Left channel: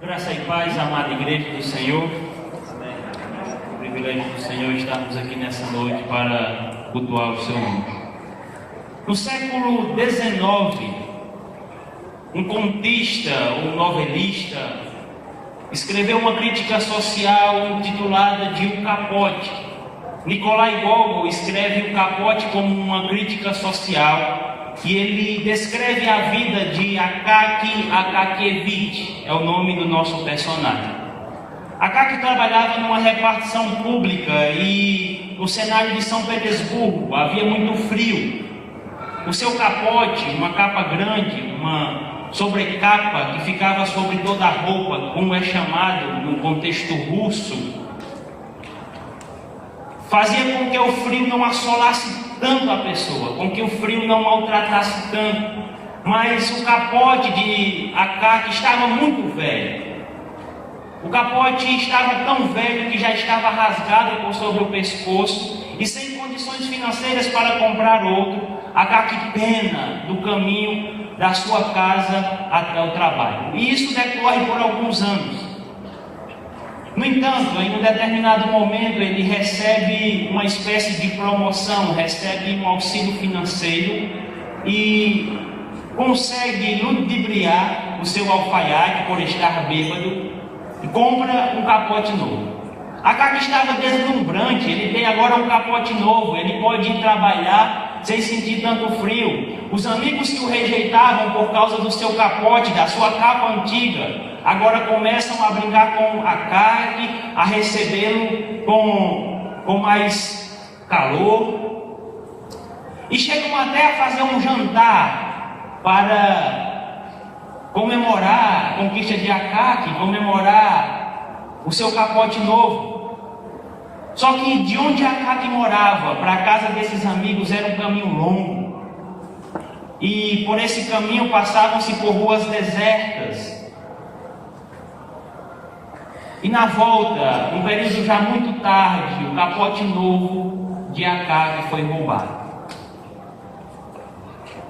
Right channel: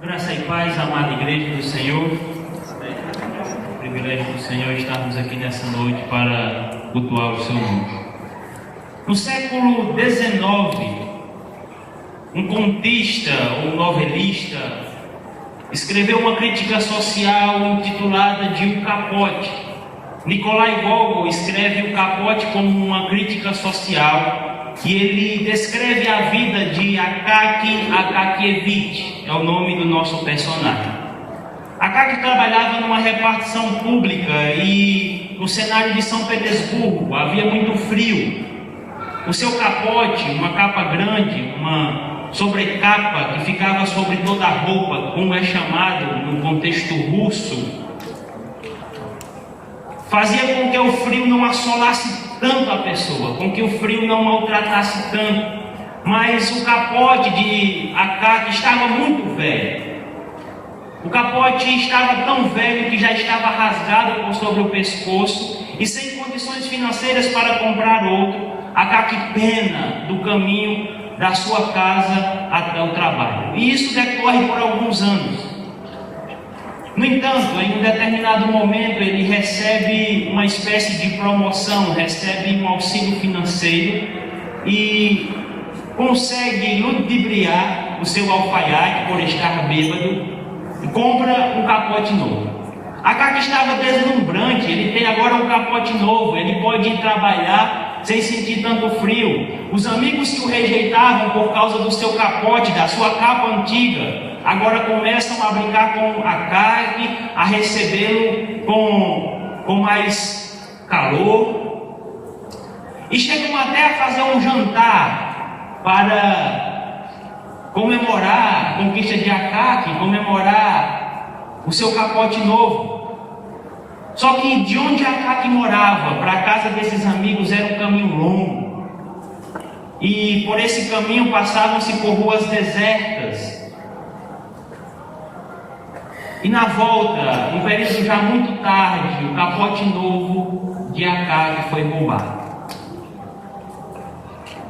Graça e paz, amada igreja do Senhor. É um privilégio do Senhor estarmos aqui nessa noite para cultuar o seu nome. No século XIX, um contista ou novelista escreveu uma crítica social intitulada de O Capote. Nikolai Gogol escreve O Capote como uma crítica social e ele descreve a vida de Akaki Akakiyevich, é o nome do nosso personagem. Akaki trabalhava numa repartição pública e no cenário de São Petersburgo havia muito frio. O seu capote, uma capa grande, uma sobrecapa que ficava sobre toda a roupa, como é chamado no contexto russo, fazia com que o frio não assolasse tanto a pessoa, com que o frio não maltratasse tanto. Mas o capote de Akaki estava muito velho. O capote estava tão velho que já estava rasgado por sobre o pescoço e sem condições financeiras para comprar outro. Akaki pena do caminho da sua casa até o trabalho. E isso decorre por alguns anos. No entanto, em um determinado momento, ele recebe uma espécie de promoção, recebe um auxílio financeiro e consegue ludibriar o seu alfaiate por estar bêbado e compra um capote novo. Akaki estava deslumbrante, ele tem agora um capote novo, ele pode ir trabalhar sem sentir tanto frio. Os amigos que o rejeitavam por causa do seu capote, da sua capa antiga, agora começam a brincar com Akaki, a recebê-lo com mais calor. E chegam até a fazer um jantar para comemorar a conquista de Akaki, comemorar o seu capote novo. Só que de onde Akaki morava para a casa desses amigos era um caminho longo. E por esse caminho passavam-se por ruas desertas. E na volta, no período já muito tarde, o capote novo de Akaki foi roubado.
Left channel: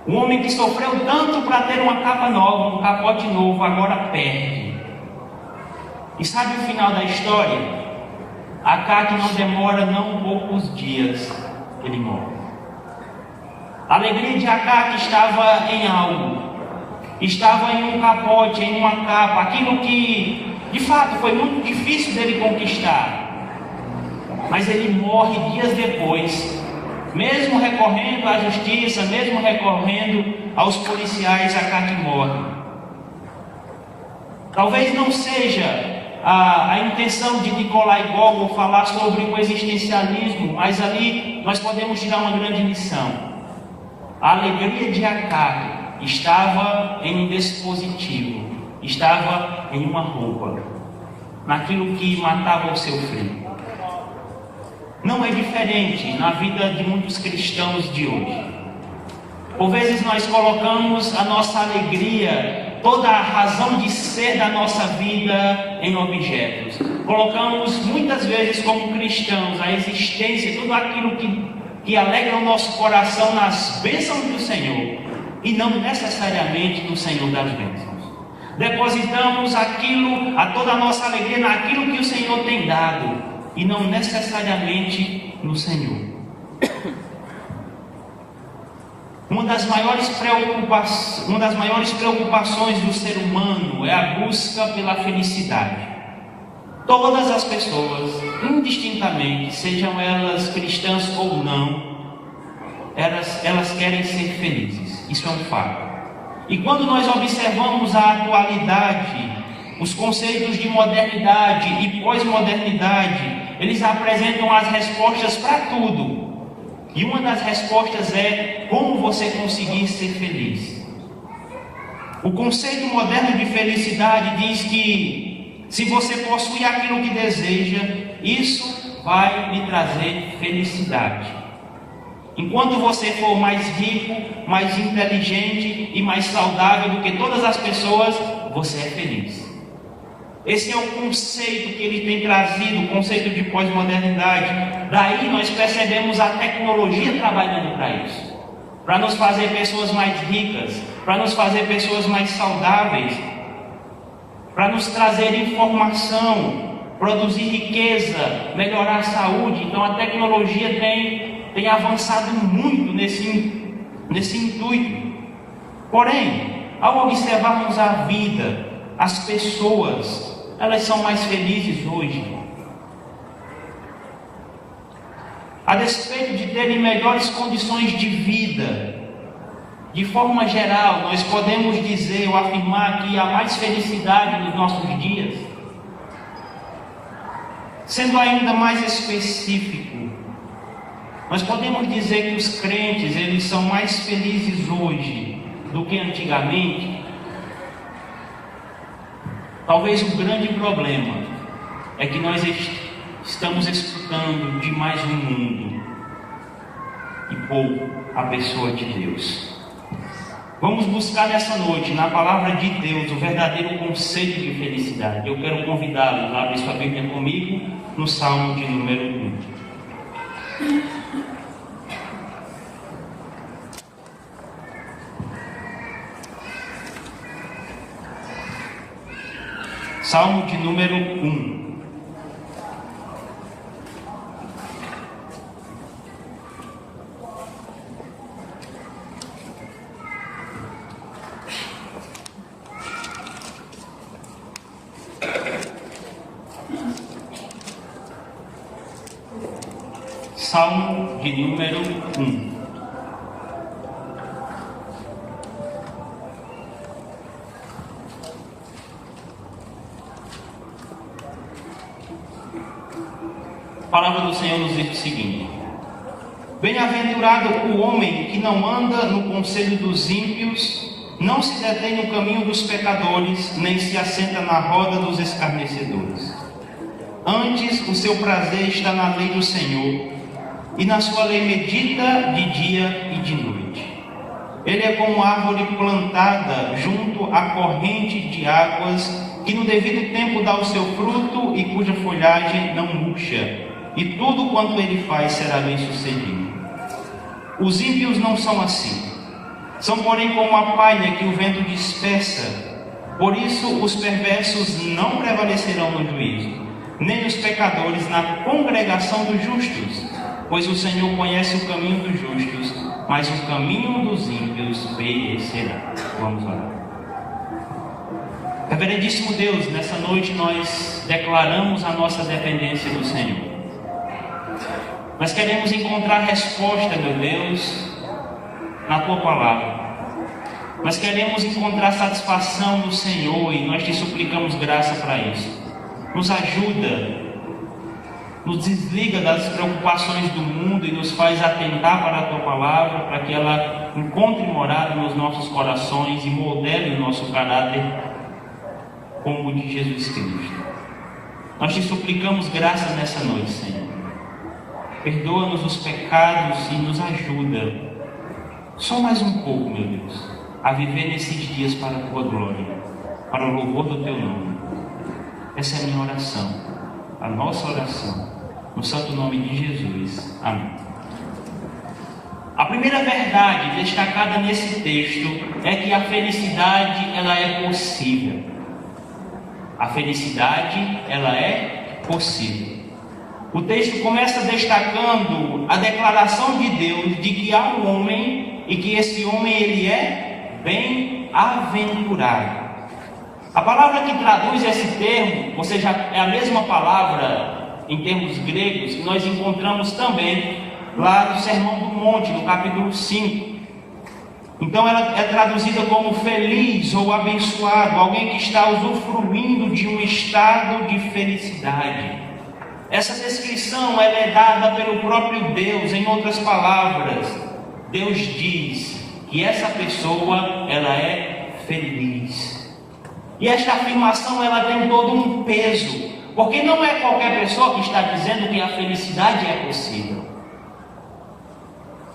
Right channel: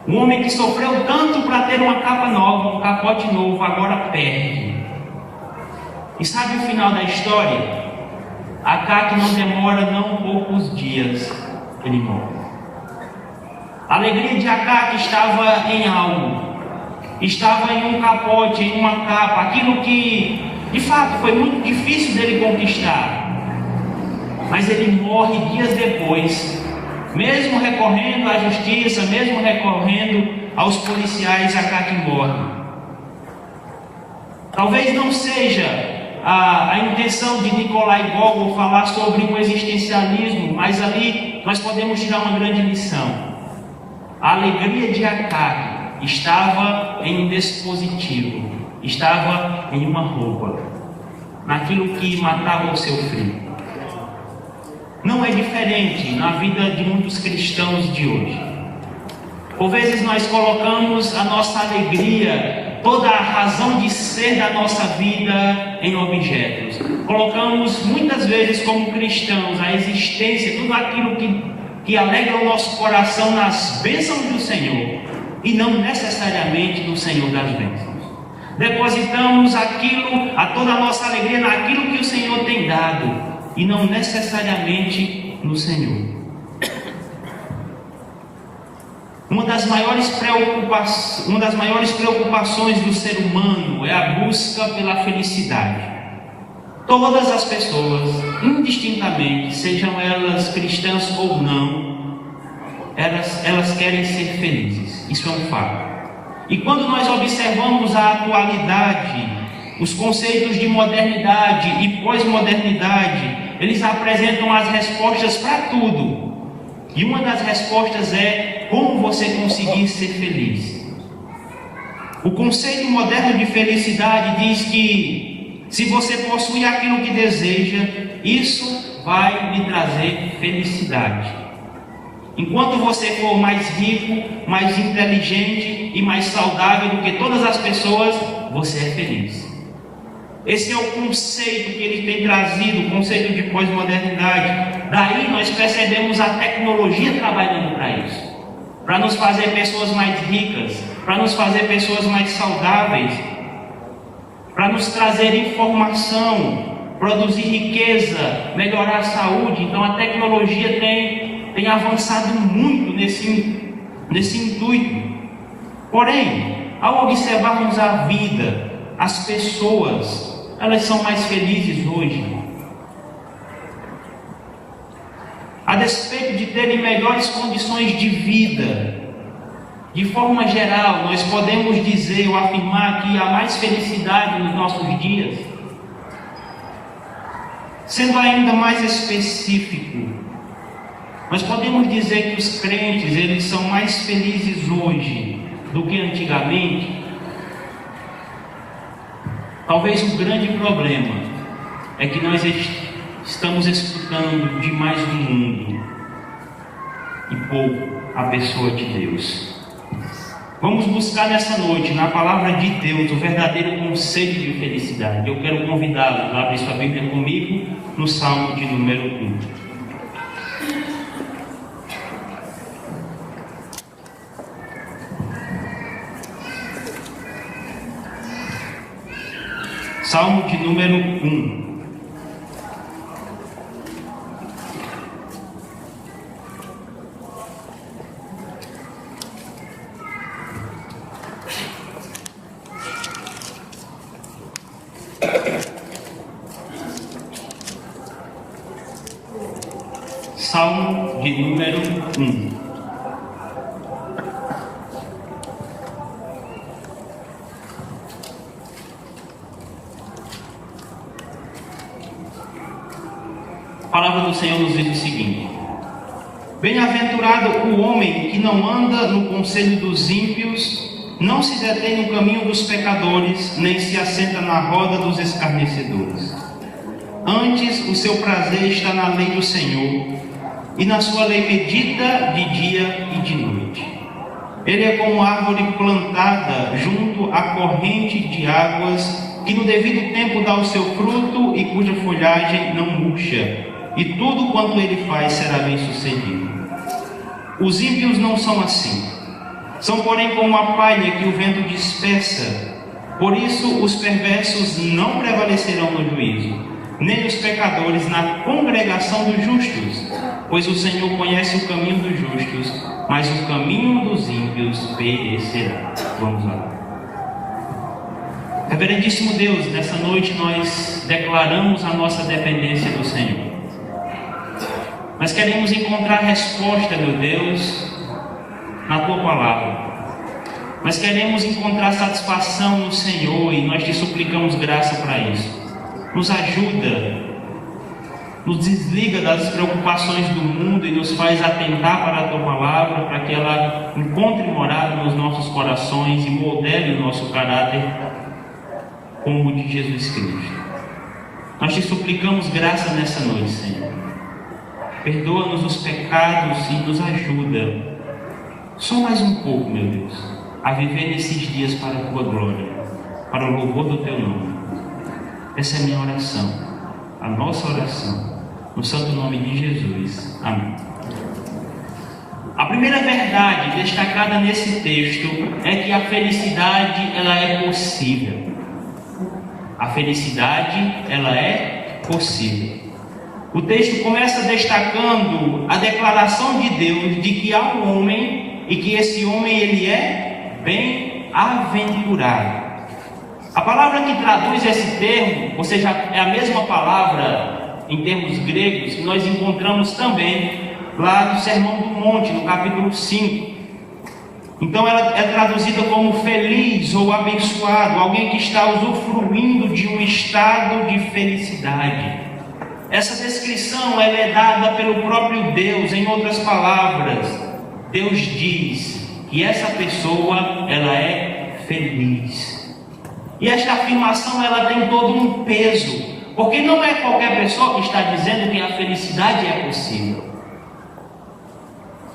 Um homem que sofreu tanto para ter uma capa nova, um capote novo, agora perde. E sabe o final da história? Akaki não demora não poucos dias, ele morre. A alegria de Akaki estava em algo, estava em um capote, em uma capa, aquilo que de fato foi muito difícil dele conquistar. Mas ele morre dias depois, mesmo recorrendo à justiça, mesmo recorrendo aos policiais, Akaki morre. Talvez não seja a intenção de Nikolai Gogol falar sobre o existencialismo, mas ali nós podemos tirar uma grande lição. A alegria de Akaki estava em um dispositivo, estava em uma roupa, naquilo que matava o seu frio. Não é diferente na vida de muitos cristãos de hoje. Por vezes nós colocamos a nossa alegria, toda a razão de ser da nossa vida em objetos. Colocamos muitas vezes como cristãos a existência, tudo aquilo que alegra o nosso coração nas bênçãos do Senhor e não necessariamente no Senhor das bênçãos. Depositamos toda a nossa alegria naquilo que o Senhor tem dado e não necessariamente no Senhor. Uma das maiores preocupações do ser humano é a busca pela felicidade. Todas as pessoas, indistintamente, sejam elas cristãs ou não, elas querem ser felizes. Isso é um fato. E quando nós observamos a atualidade, os conceitos de modernidade e pós-modernidade, eles apresentam as respostas para tudo. E uma das respostas é como você conseguir ser feliz. O conceito moderno de felicidade diz que se você possui aquilo que deseja, isso vai lhe trazer felicidade. Enquanto você for mais rico, mais inteligente e mais saudável do que todas as pessoas, você é feliz. Esse é o conceito que ele tem trazido, o conceito de pós-modernidade. Daí nós percebemos a tecnologia trabalhando para isso, para nos fazer pessoas mais ricas, para nos fazer pessoas mais saudáveis, para nos trazer informação, produzir riqueza, melhorar a saúde. Então a tecnologia tem avançado muito nesse intuito. Porém, ao observarmos a vida, as pessoas, elas são mais felizes hoje. A despeito de terem melhores condições de vida, de forma geral, nós podemos dizer ou afirmar que há mais felicidade nos nossos dias. Sendo ainda mais específico, nós podemos dizer que os crentes, eles são mais felizes hoje do que antigamente. Talvez o grande problema é que nós estamos escutando demais o mundo e pouco a pessoa de Deus. Vamos buscar nessa noite, na palavra de Deus, o verdadeiro conceito de felicidade. Eu quero convidá-los a abrir sua Bíblia comigo no Salmo de número 1. Salmo de número 1. Salmo de número 1. A palavra do Senhor nos diz o seguinte: Bem-aventurado o homem que não anda no conselho dos ímpios, não se detém no caminho dos pecadores, nem se assenta na roda dos escarnecedores. Antes, o seu prazer está na lei do Senhor, e na sua lei medita de dia e de noite. Ele é como árvore plantada junto à corrente de águas, que no devido tempo dá o seu fruto e cuja folhagem não murcha, e tudo quanto ele faz será bem sucedido. Os ímpios não são assim. São, porém, como a palha que o vento dispersa. Por isso, os perversos não prevalecerão no juízo, nem os pecadores na congregação dos justos. Pois o Senhor conhece o caminho dos justos, mas o caminho dos ímpios perecerá. Vamos lá. Reverendíssimo Deus, nessa noite nós declaramos a nossa dependência do Senhor. Nós queremos encontrar resposta, meu Deus, na Tua Palavra. Nós queremos encontrar satisfação no Senhor e nós te suplicamos graça para isso. Nos ajuda, nos desliga das preocupações do mundo e nos faz atentar para a Tua Palavra, para que ela encontre morada nos nossos corações e modele o nosso caráter como o de Jesus Cristo. Nós te suplicamos graça nessa noite, Senhor. Perdoa-nos os pecados e nos ajuda, só mais um pouco, meu Deus, a viver nesses dias para a Tua glória, para o louvor do Teu nome. Essa é a minha oração, a nossa oração, no santo nome de Jesus. Amém. A primeira verdade destacada nesse texto é que a felicidade, ela é possível. A felicidade, ela é possível. O texto começa destacando a declaração de Deus de que há um homem e que esse homem ele é bem-aventurado. A palavra que traduz esse termo, ou seja, é a mesma palavra em termos gregos que nós encontramos também lá no Sermão do Monte, no capítulo 5. Então ela é traduzida como feliz ou abençoado, alguém que está usufruindo de um estado de felicidade. Essa descrição ela é dada pelo próprio Deus. Em outras palavras, Deus diz que essa pessoa ela é feliz. E esta afirmação ela tem todo um peso, porque não é qualquer pessoa que está dizendo que a felicidade é possível.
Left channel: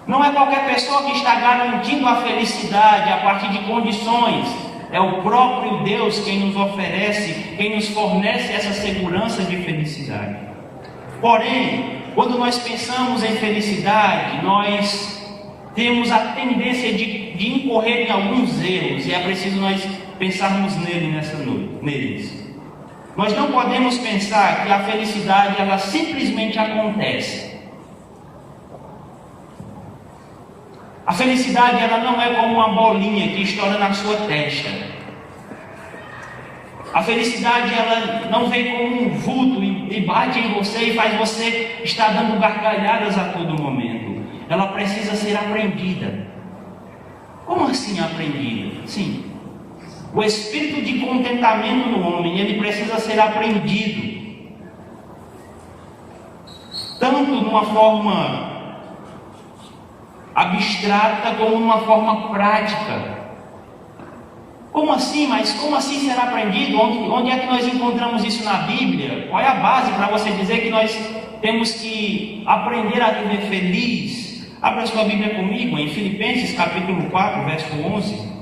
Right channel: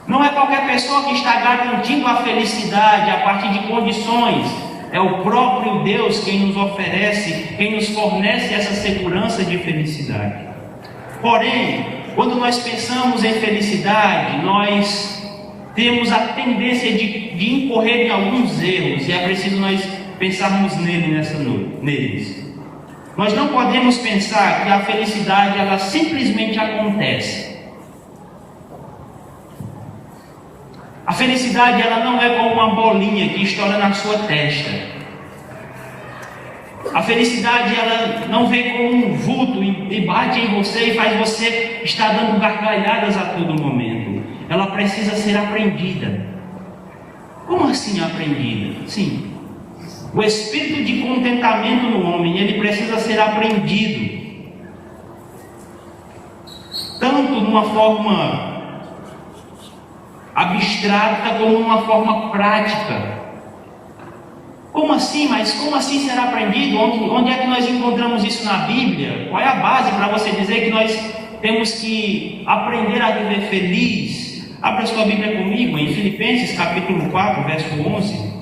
Não é qualquer pessoa que está garantindo a felicidade a partir de condições. É o próprio Deus quem nos oferece, quem nos fornece essa segurança de felicidade. Porém, quando nós pensamos em felicidade, nós temos a tendência de incorrer em alguns erros, e é preciso nós pensarmos neles. Nós não podemos pensar que a felicidade ela simplesmente acontece. A felicidade ela não é como uma bolinha que estoura na sua testa. A felicidade ela não vem como um vulto e bate em você e faz você estar dando gargalhadas a todo momento. Ela precisa ser aprendida. Como assim aprendida? Sim. O espírito de contentamento no homem, ele precisa ser aprendido. Tanto numa forma abstrata como numa forma prática. Como assim? Mas como assim será aprendido? Onde é que nós encontramos isso na Bíblia? Qual é a base para você dizer que nós temos que aprender a viver feliz? Abra sua Bíblia comigo em Filipenses capítulo 4, verso 11.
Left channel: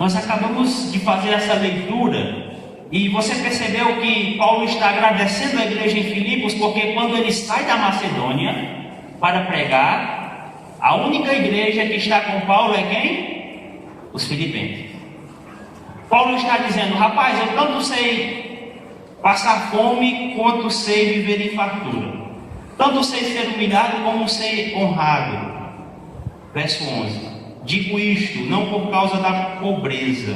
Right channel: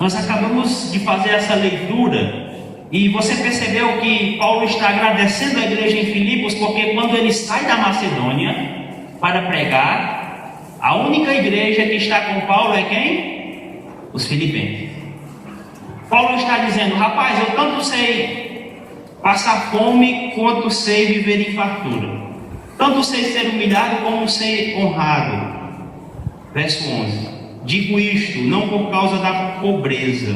Nós acabamos de fazer essa leitura e você percebeu que Paulo está agradecendo a igreja em Filipos porque quando ele sai da Macedônia para pregar, a única igreja que está com Paulo é quem? Os filipenses. Paulo está dizendo: rapaz, eu tanto sei passar fome quanto sei viver em fartura, tanto sei ser humilhado como sei honrado. Verso 11: digo isto não por causa da pobreza,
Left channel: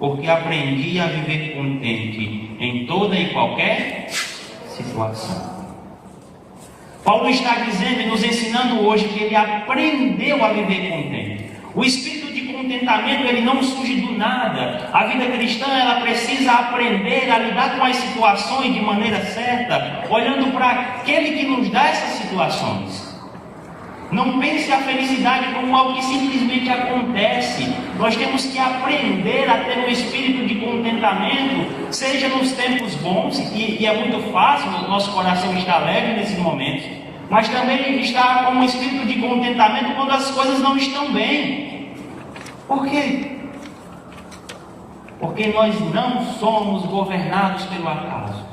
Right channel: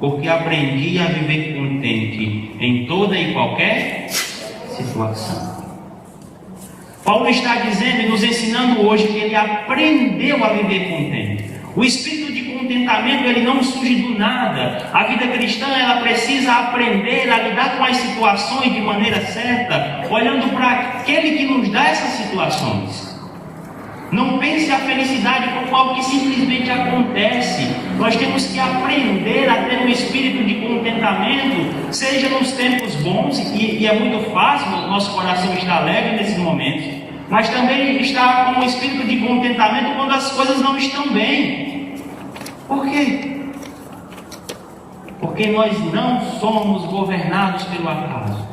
porque aprendi a viver contente em toda e qualquer situação. Paulo está dizendo e nos ensinando hoje que ele aprendeu a viver contente. O espírito de contentamento ele não surge do nada. A vida cristã ela precisa aprender a lidar com as situações de maneira certa, olhando para aquele que nos dá essas situações. Não pense a felicidade como algo que simplesmente acontece. Nós temos que aprender a ter um espírito de contentamento, seja nos tempos bons, e é muito fácil, o nosso coração está alegre nesses momentos, mas também está com um espírito de contentamento quando as coisas não estão bem. Por quê? Porque nós não somos governados pelo acaso.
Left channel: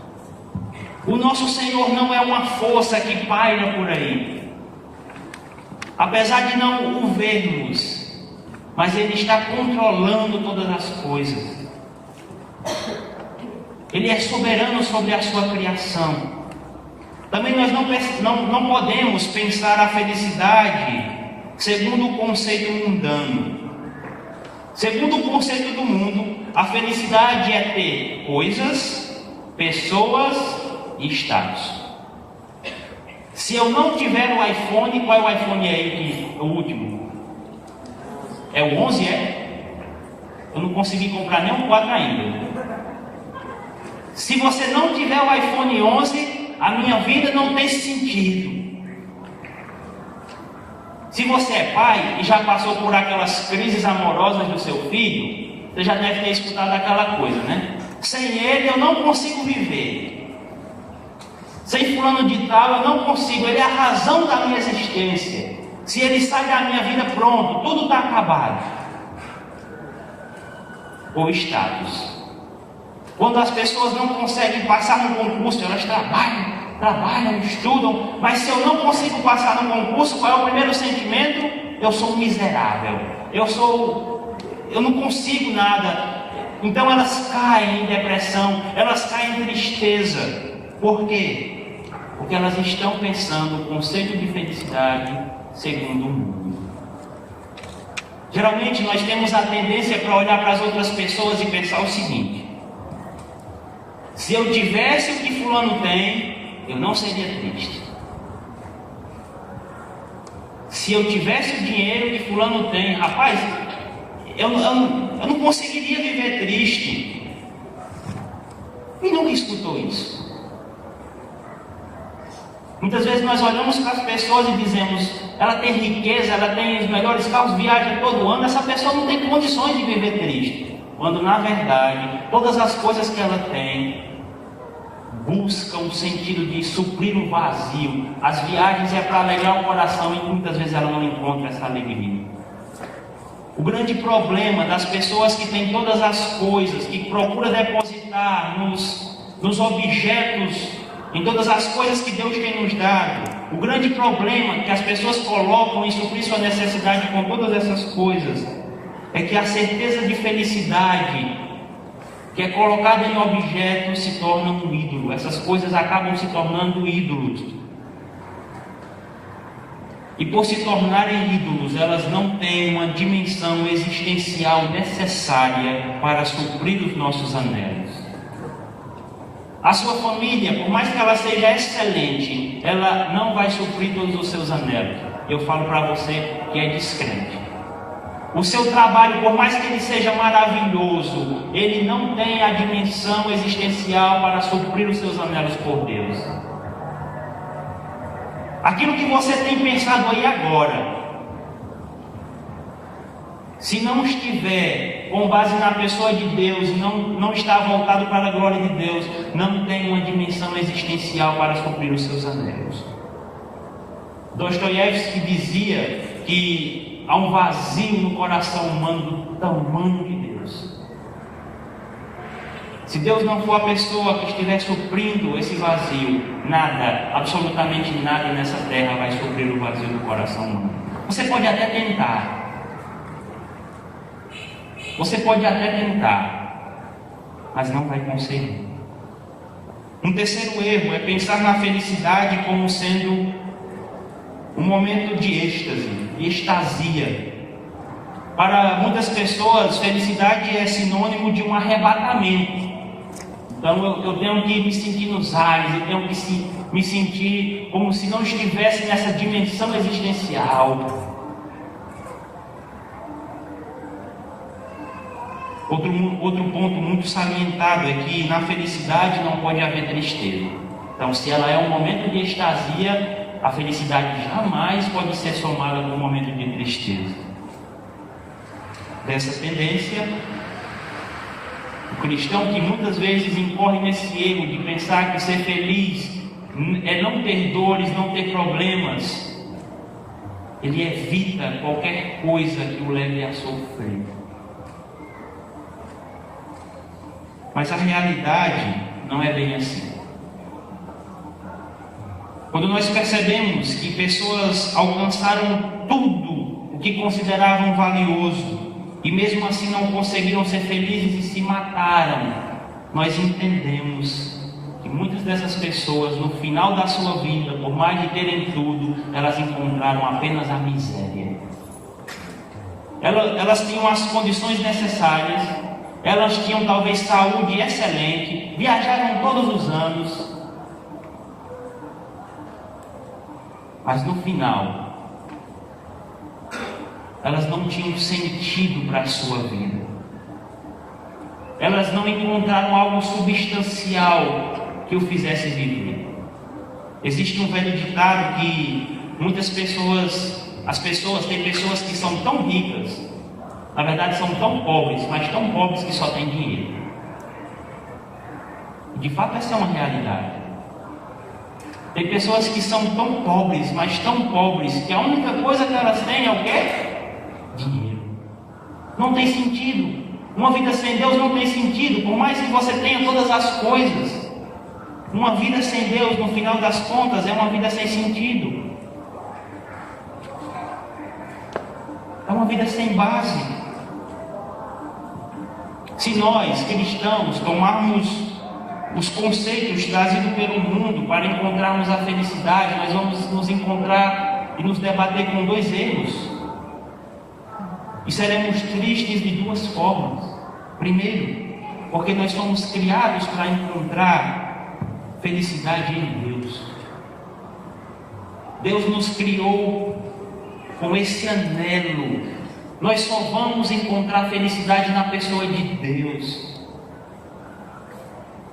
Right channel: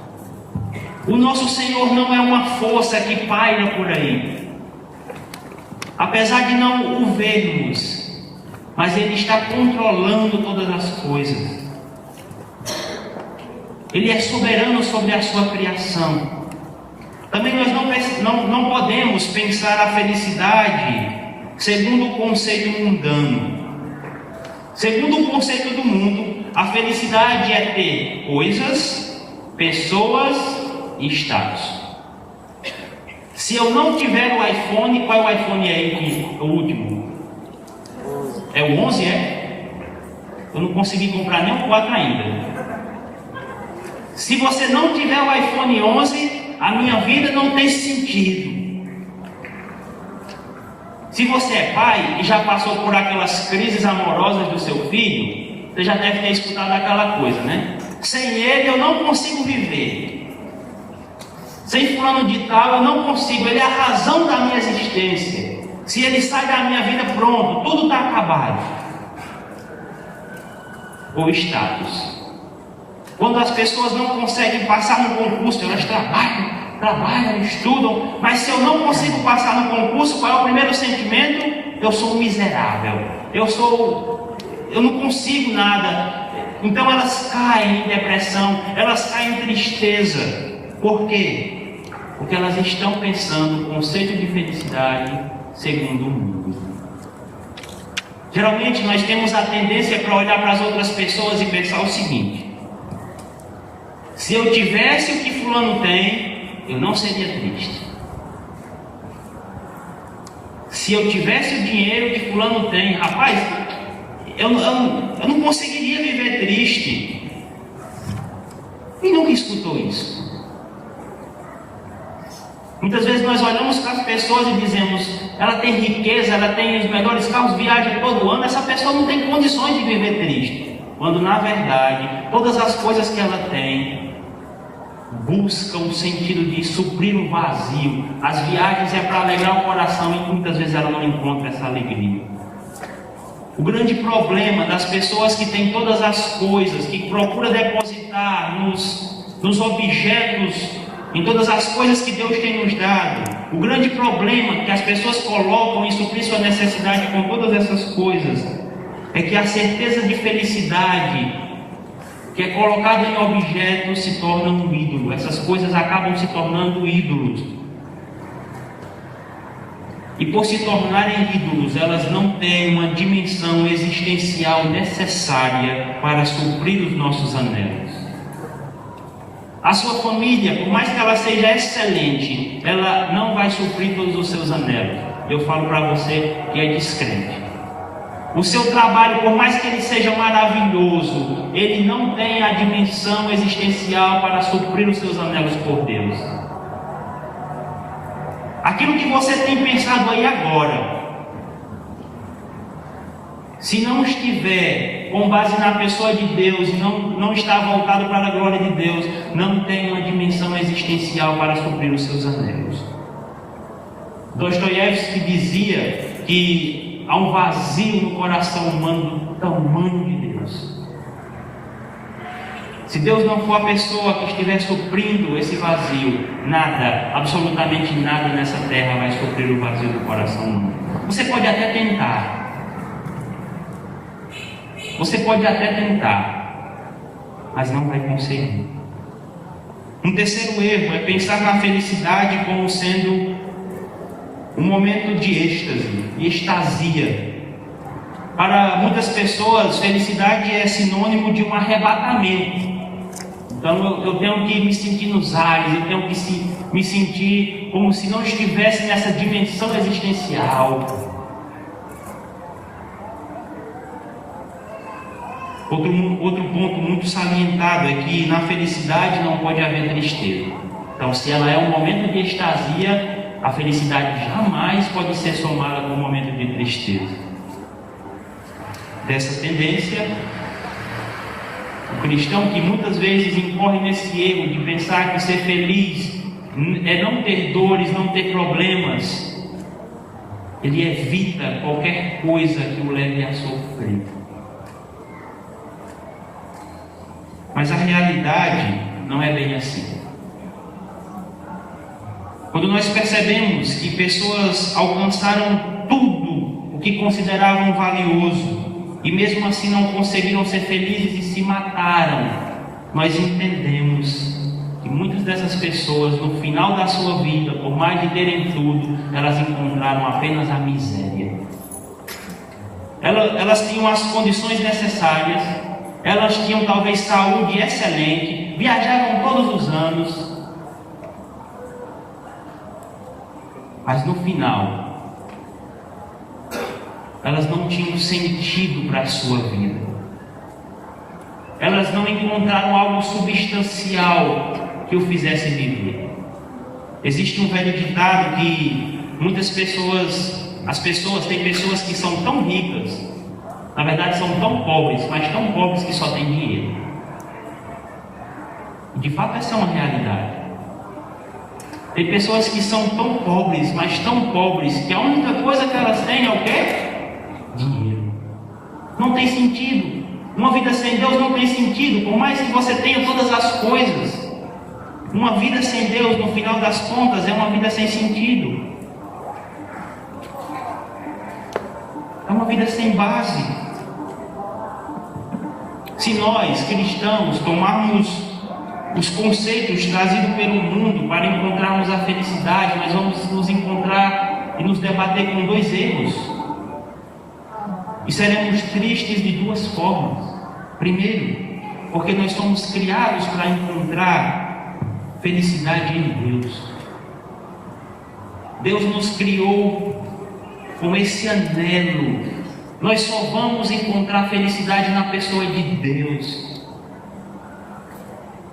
O nosso Senhor não é uma força que paira por aí. Apesar de não o vermos, mas Ele está controlando todas as coisas. Ele é soberano sobre a sua criação. Também nós não podemos pensar a felicidade segundo o conceito mundano. Segundo o conceito do mundo, a felicidade é ter coisas, pessoas e status. Se eu não tiver o iPhone, qual é o iPhone aí, o último? É o 11, é? Eu não consegui comprar nem o 4 ainda. Se você não tiver o iPhone 11, a minha vida não tem sentido. Se você é pai e já passou por aquelas crises amorosas do seu filho, você já deve ter escutado aquela coisa, né? Sem ele eu não consigo viver. Sem fulano de tal eu não consigo, ele é a razão da minha existência. Se ele sai da minha vida, pronto, tudo está acabado. Ou status. Quando as pessoas não conseguem passar no concurso, elas trabalham, estudam, mas se eu não consigo passar no concurso, qual é o primeiro sentimento? Eu sou um miserável, eu não consigo nada. Então elas caem em depressão, elas caem em tristeza. Por quê? Porque elas estão pensando o conceito de felicidade segundo o mundo. Geralmente nós temos a tendência para olhar para as outras pessoas e pensar o seguinte: se eu tivesse o que fulano tem, eu não seria triste. Se eu tivesse o dinheiro que fulano tem, rapaz, eu não conseguiria viver triste. Quem nunca escutou isso? Muitas vezes nós olhamos para as pessoas e dizemos: ela tem riqueza, ela tem os melhores carros, viaja todo ano, essa pessoa não tem condições de viver triste. Quando na verdade, todas as coisas que ela tem busca um sentido de suprir um vazio. As viagens é para alegrar o coração e muitas vezes ela não encontra essa alegria. O grande problema das pessoas que têm todas as coisas, que procuram depositar nos objetos, em todas as coisas que Deus tem nos dado, o grande problema que as pessoas colocam em suprir sua necessidade com todas essas coisas, é que a certeza de felicidade que é colocada em objetos se torna um ídolo. Essas coisas acabam se tornando ídolos. E por se tornarem ídolos, elas não têm uma dimensão existencial necessária para suprir os nossos anelos. A sua família, por mais que ela seja excelente, ela não vai suprir todos os seus anelos. Eu falo para você que é descrente. O seu trabalho, por mais que ele seja maravilhoso, ele não tem a dimensão existencial para suprir os seus anelos por Deus. Aquilo que você tem pensado aí agora, se não estiver com base na pessoa de Deus e não está voltado para a glória de Deus, não tem uma dimensão existencial para suprir os seus anelos. Dostoiévski dizia que há um vazio no coração humano do tamanho de Deus. Se Deus não for a pessoa que estiver suprindo esse vazio, nada, absolutamente nada nessa terra vai suprir o vazio do coração humano. Você pode até tentar. Você pode até tentar, mas não vai conseguir. Um terceiro erro é pensar na felicidade como sendo um momento de êxtase e extasia. Para muitas pessoas, felicidade é sinônimo de um arrebatamento. Então eu tenho que me sentir nos ares, eu tenho que me sentir como se não estivesse nessa dimensão existencial. Outro ponto muito salientado é que na felicidade não pode haver tristeza. Então, se ela é um momento de extasia, a felicidade jamais pode ser somada com um momento de tristeza. Dessa tendência, o cristão que muitas vezes incorre nesse erro de pensar que ser feliz é não ter dores, não ter problemas, ele evita qualquer coisa que o leve a sofrer. Mas a realidade não é bem assim. Quando nós percebemos que pessoas alcançaram tudo o que consideravam valioso e mesmo assim não conseguiram ser felizes e se mataram, nós entendemos que muitas dessas pessoas, no final da sua vida, por mais de terem tudo, elas encontraram apenas a miséria. Elas tinham as condições necessárias, elas tinham talvez saúde excelente, viajavam todos os anos, mas no final, elas não tinham sentido para a sua vida. Elas não encontraram algo substancial que o fizesse viver. Existe um velho ditado que muitas pessoas, tem pessoas que são tão ricas, na verdade são tão pobres, mas tão pobres que só têm dinheiro. De fato, essa é uma realidade. Tem pessoas que são tão pobres, mas tão pobres, que a única coisa que elas têm é o quê? Dinheiro. Não tem sentido. Uma vida sem Deus não tem sentido, por mais que você tenha todas as coisas. Uma vida sem Deus, no final das contas, é uma vida sem sentido. É uma vida sem base. Se nós, cristãos, tomarmos os conceitos trazidos pelo mundo para encontrarmos a felicidade, nós vamos nos encontrar e nos debater com dois erros. E seremos tristes de duas formas. Primeiro, porque nós somos criados para encontrar felicidade em Deus. Deus nos criou com esse anelo. Nós só vamos encontrar felicidade na pessoa de Deus.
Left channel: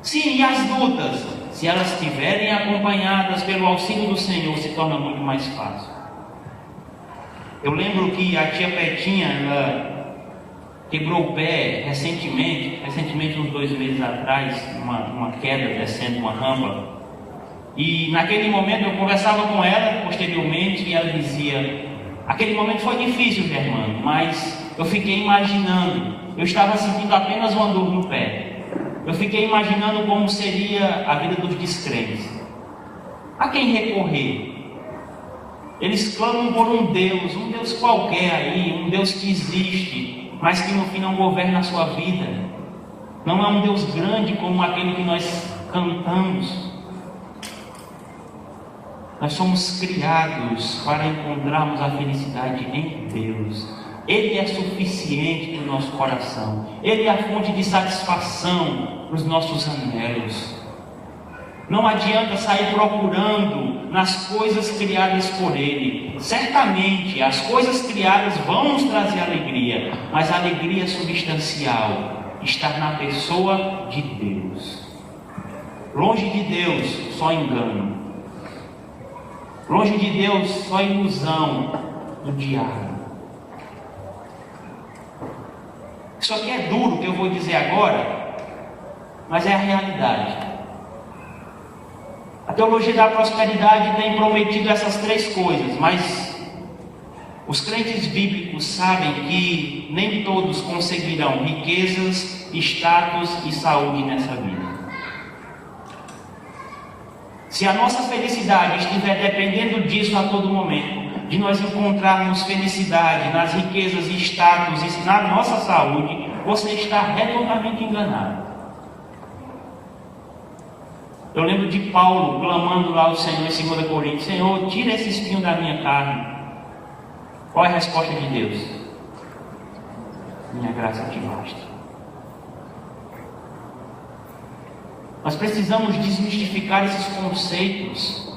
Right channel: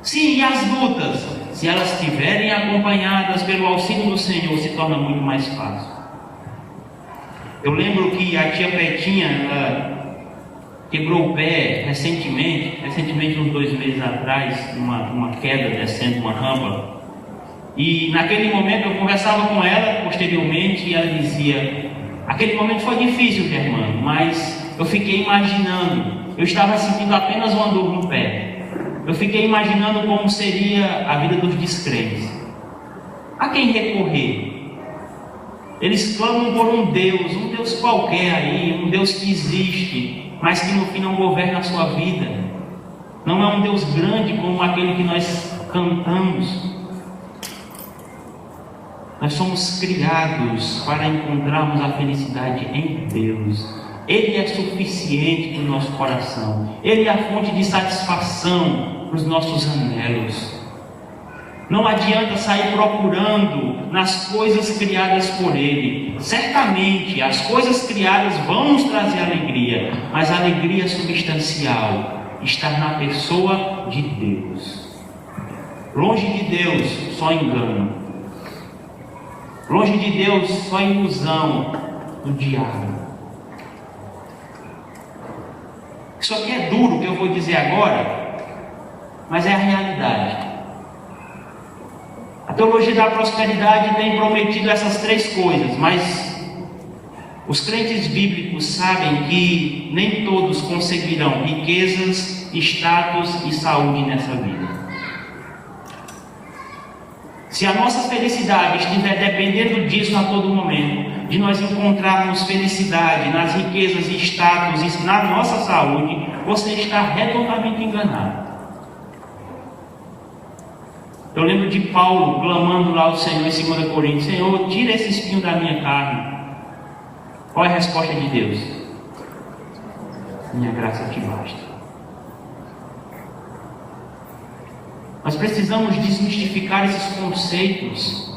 Sim, e as lutas, se elas estiverem acompanhadas pelo auxílio do Senhor, se torna muito mais fácil. Eu lembro que a tia Petinha, quebrou o pé recentemente uns 2 meses atrás, numa queda descendo uma rampa. E naquele momento eu conversava com ela posteriormente e ela dizia: aquele momento foi difícil, Germano, mas eu fiquei imaginando, eu estava sentindo apenas uma dor no pé. Eu fiquei imaginando como seria a vida dos descrentes. A quem recorrer? Eles clamam por um Deus qualquer aí, um Deus que existe, mas que no fim não governa a sua vida. Não é um Deus grande como aquele que nós cantamos. Nós somos criados para encontrarmos a felicidade em Deus. Ele é suficiente para o nosso coração. Ele é a fonte de satisfação para os nossos anelos. Não adianta sair procurando nas coisas criadas por Ele. Certamente as coisas criadas vão nos trazer alegria, mas a alegria substancial está na pessoa de Deus. Longe de Deus, só engano. Longe de Deus, só ilusão do diabo. Isso aqui é duro, o que eu vou dizer agora, mas é a realidade. A teologia da prosperidade tem prometido essas 3 coisas, mas os crentes bíblicos sabem que nem todos conseguirão riquezas, status e saúde nessa vida. Se a nossa felicidade estiver dependendo disso a todo momento, de nós encontrarmos felicidade nas riquezas e status e na nossa saúde, você está redondamente enganado. Eu lembro de Paulo clamando lá ao Senhor em 2 Coríntios: Senhor, tira esse espinho da minha carne. Qual é a resposta de Deus? Minha graça te basta. Nós precisamos desmistificar esses conceitos.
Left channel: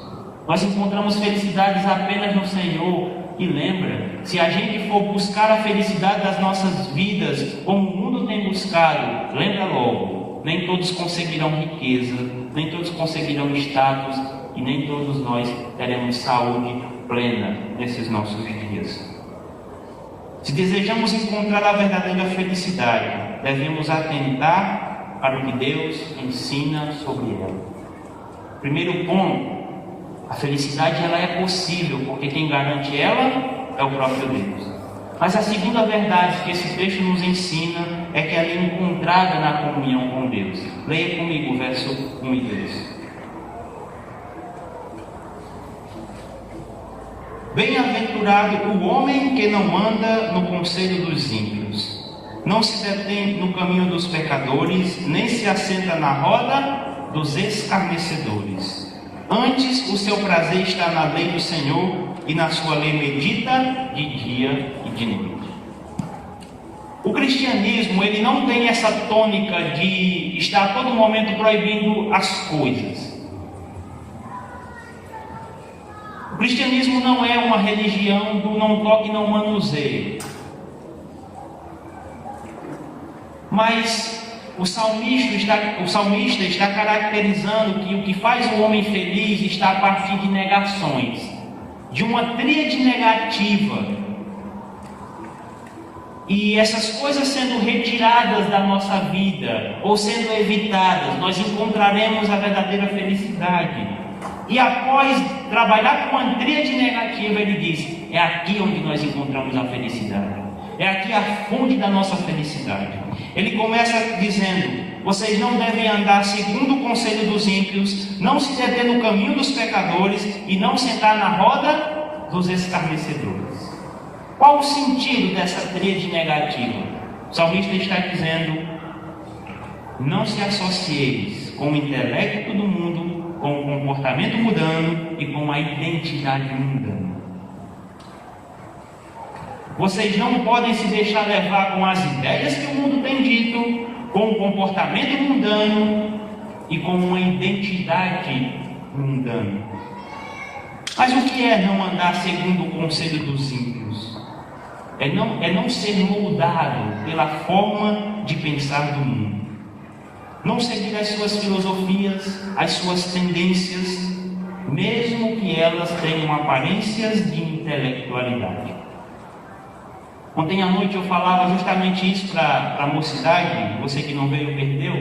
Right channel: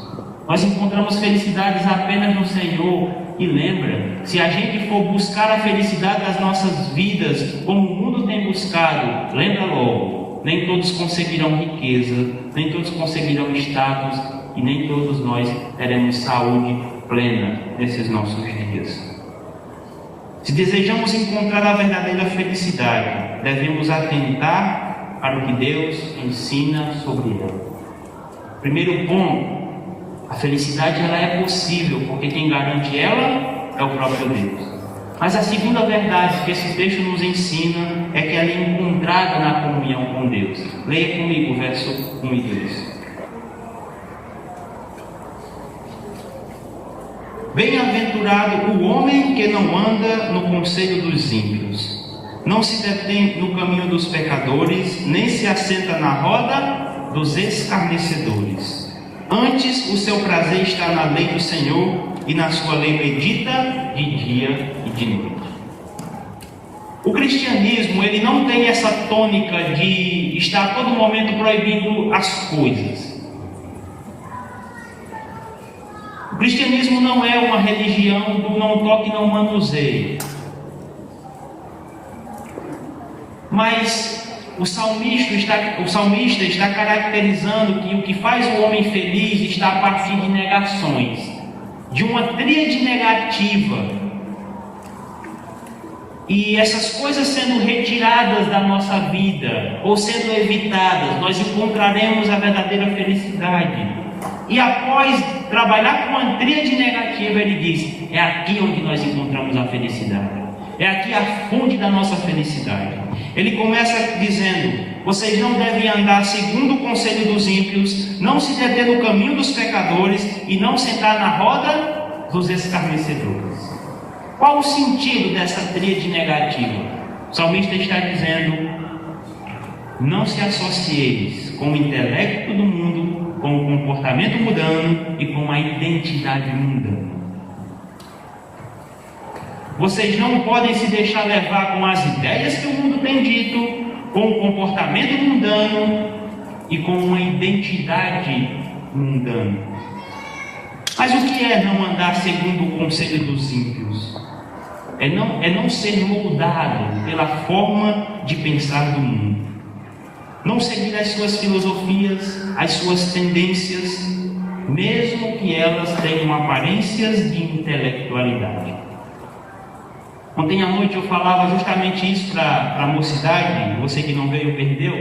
Nós encontramos felicidades apenas no Senhor. E lembra, se a gente for buscar a felicidade das nossas vidas como o mundo tem buscado, lembra logo, nem todos conseguirão riqueza, nem todos conseguirão status e nem todos nós teremos saúde plena nesses nossos dias. Se desejamos encontrar a verdadeira felicidade, devemos atentar para o que Deus ensina sobre ela. Primeiro ponto: a felicidade ela é possível, porque quem garante ela é o próprio Deus. Mas a segunda verdade que esse texto nos ensina é que ela é encontrada na comunhão com Deus. Leia comigo o verso 1 e 2. Bem-aventurado o homem que não anda no conselho dos ímpios, não se detém no caminho dos pecadores, nem se assenta na roda dos escarnecedores. Antes, o seu prazer está na lei do Senhor, e na sua lei medita de dia e de noite. O cristianismo, ele não tem essa tônica de estar a todo momento proibindo as coisas. O cristianismo não é uma religião do não toque, não manuseie. Mas o salmista está caracterizando que o que faz o homem feliz está a partir de negações, de uma tríade negativa. E essas coisas sendo retiradas da nossa vida, ou sendo evitadas, nós encontraremos a verdadeira felicidade. E após trabalhar com a tríade negativa, ele diz: é aqui onde nós encontramos a felicidade. É aqui a fonte da nossa felicidade. Ele começa dizendo: vocês não devem andar segundo o conselho dos ímpios, não se deter no caminho dos pecadores e não sentar na roda dos escarnecedores. Qual o sentido dessa tríade negativa? O salmista está dizendo: não se associeis com o intelecto do mundo, com o comportamento mundano e com a identidade mundana. Vocês não podem se deixar levar com as ideias que o mundo tem dito, com o comportamento mundano e com uma identidade mundana. Mas o que é não andar segundo o conselho dos ímpios? É não ser moldado pela forma de pensar do mundo. Não seguir as suas filosofias, as suas tendências, mesmo que elas tenham aparências de intelectualidade. Ontem à noite eu falava justamente isso para a mocidade. Você que não veio perdeu.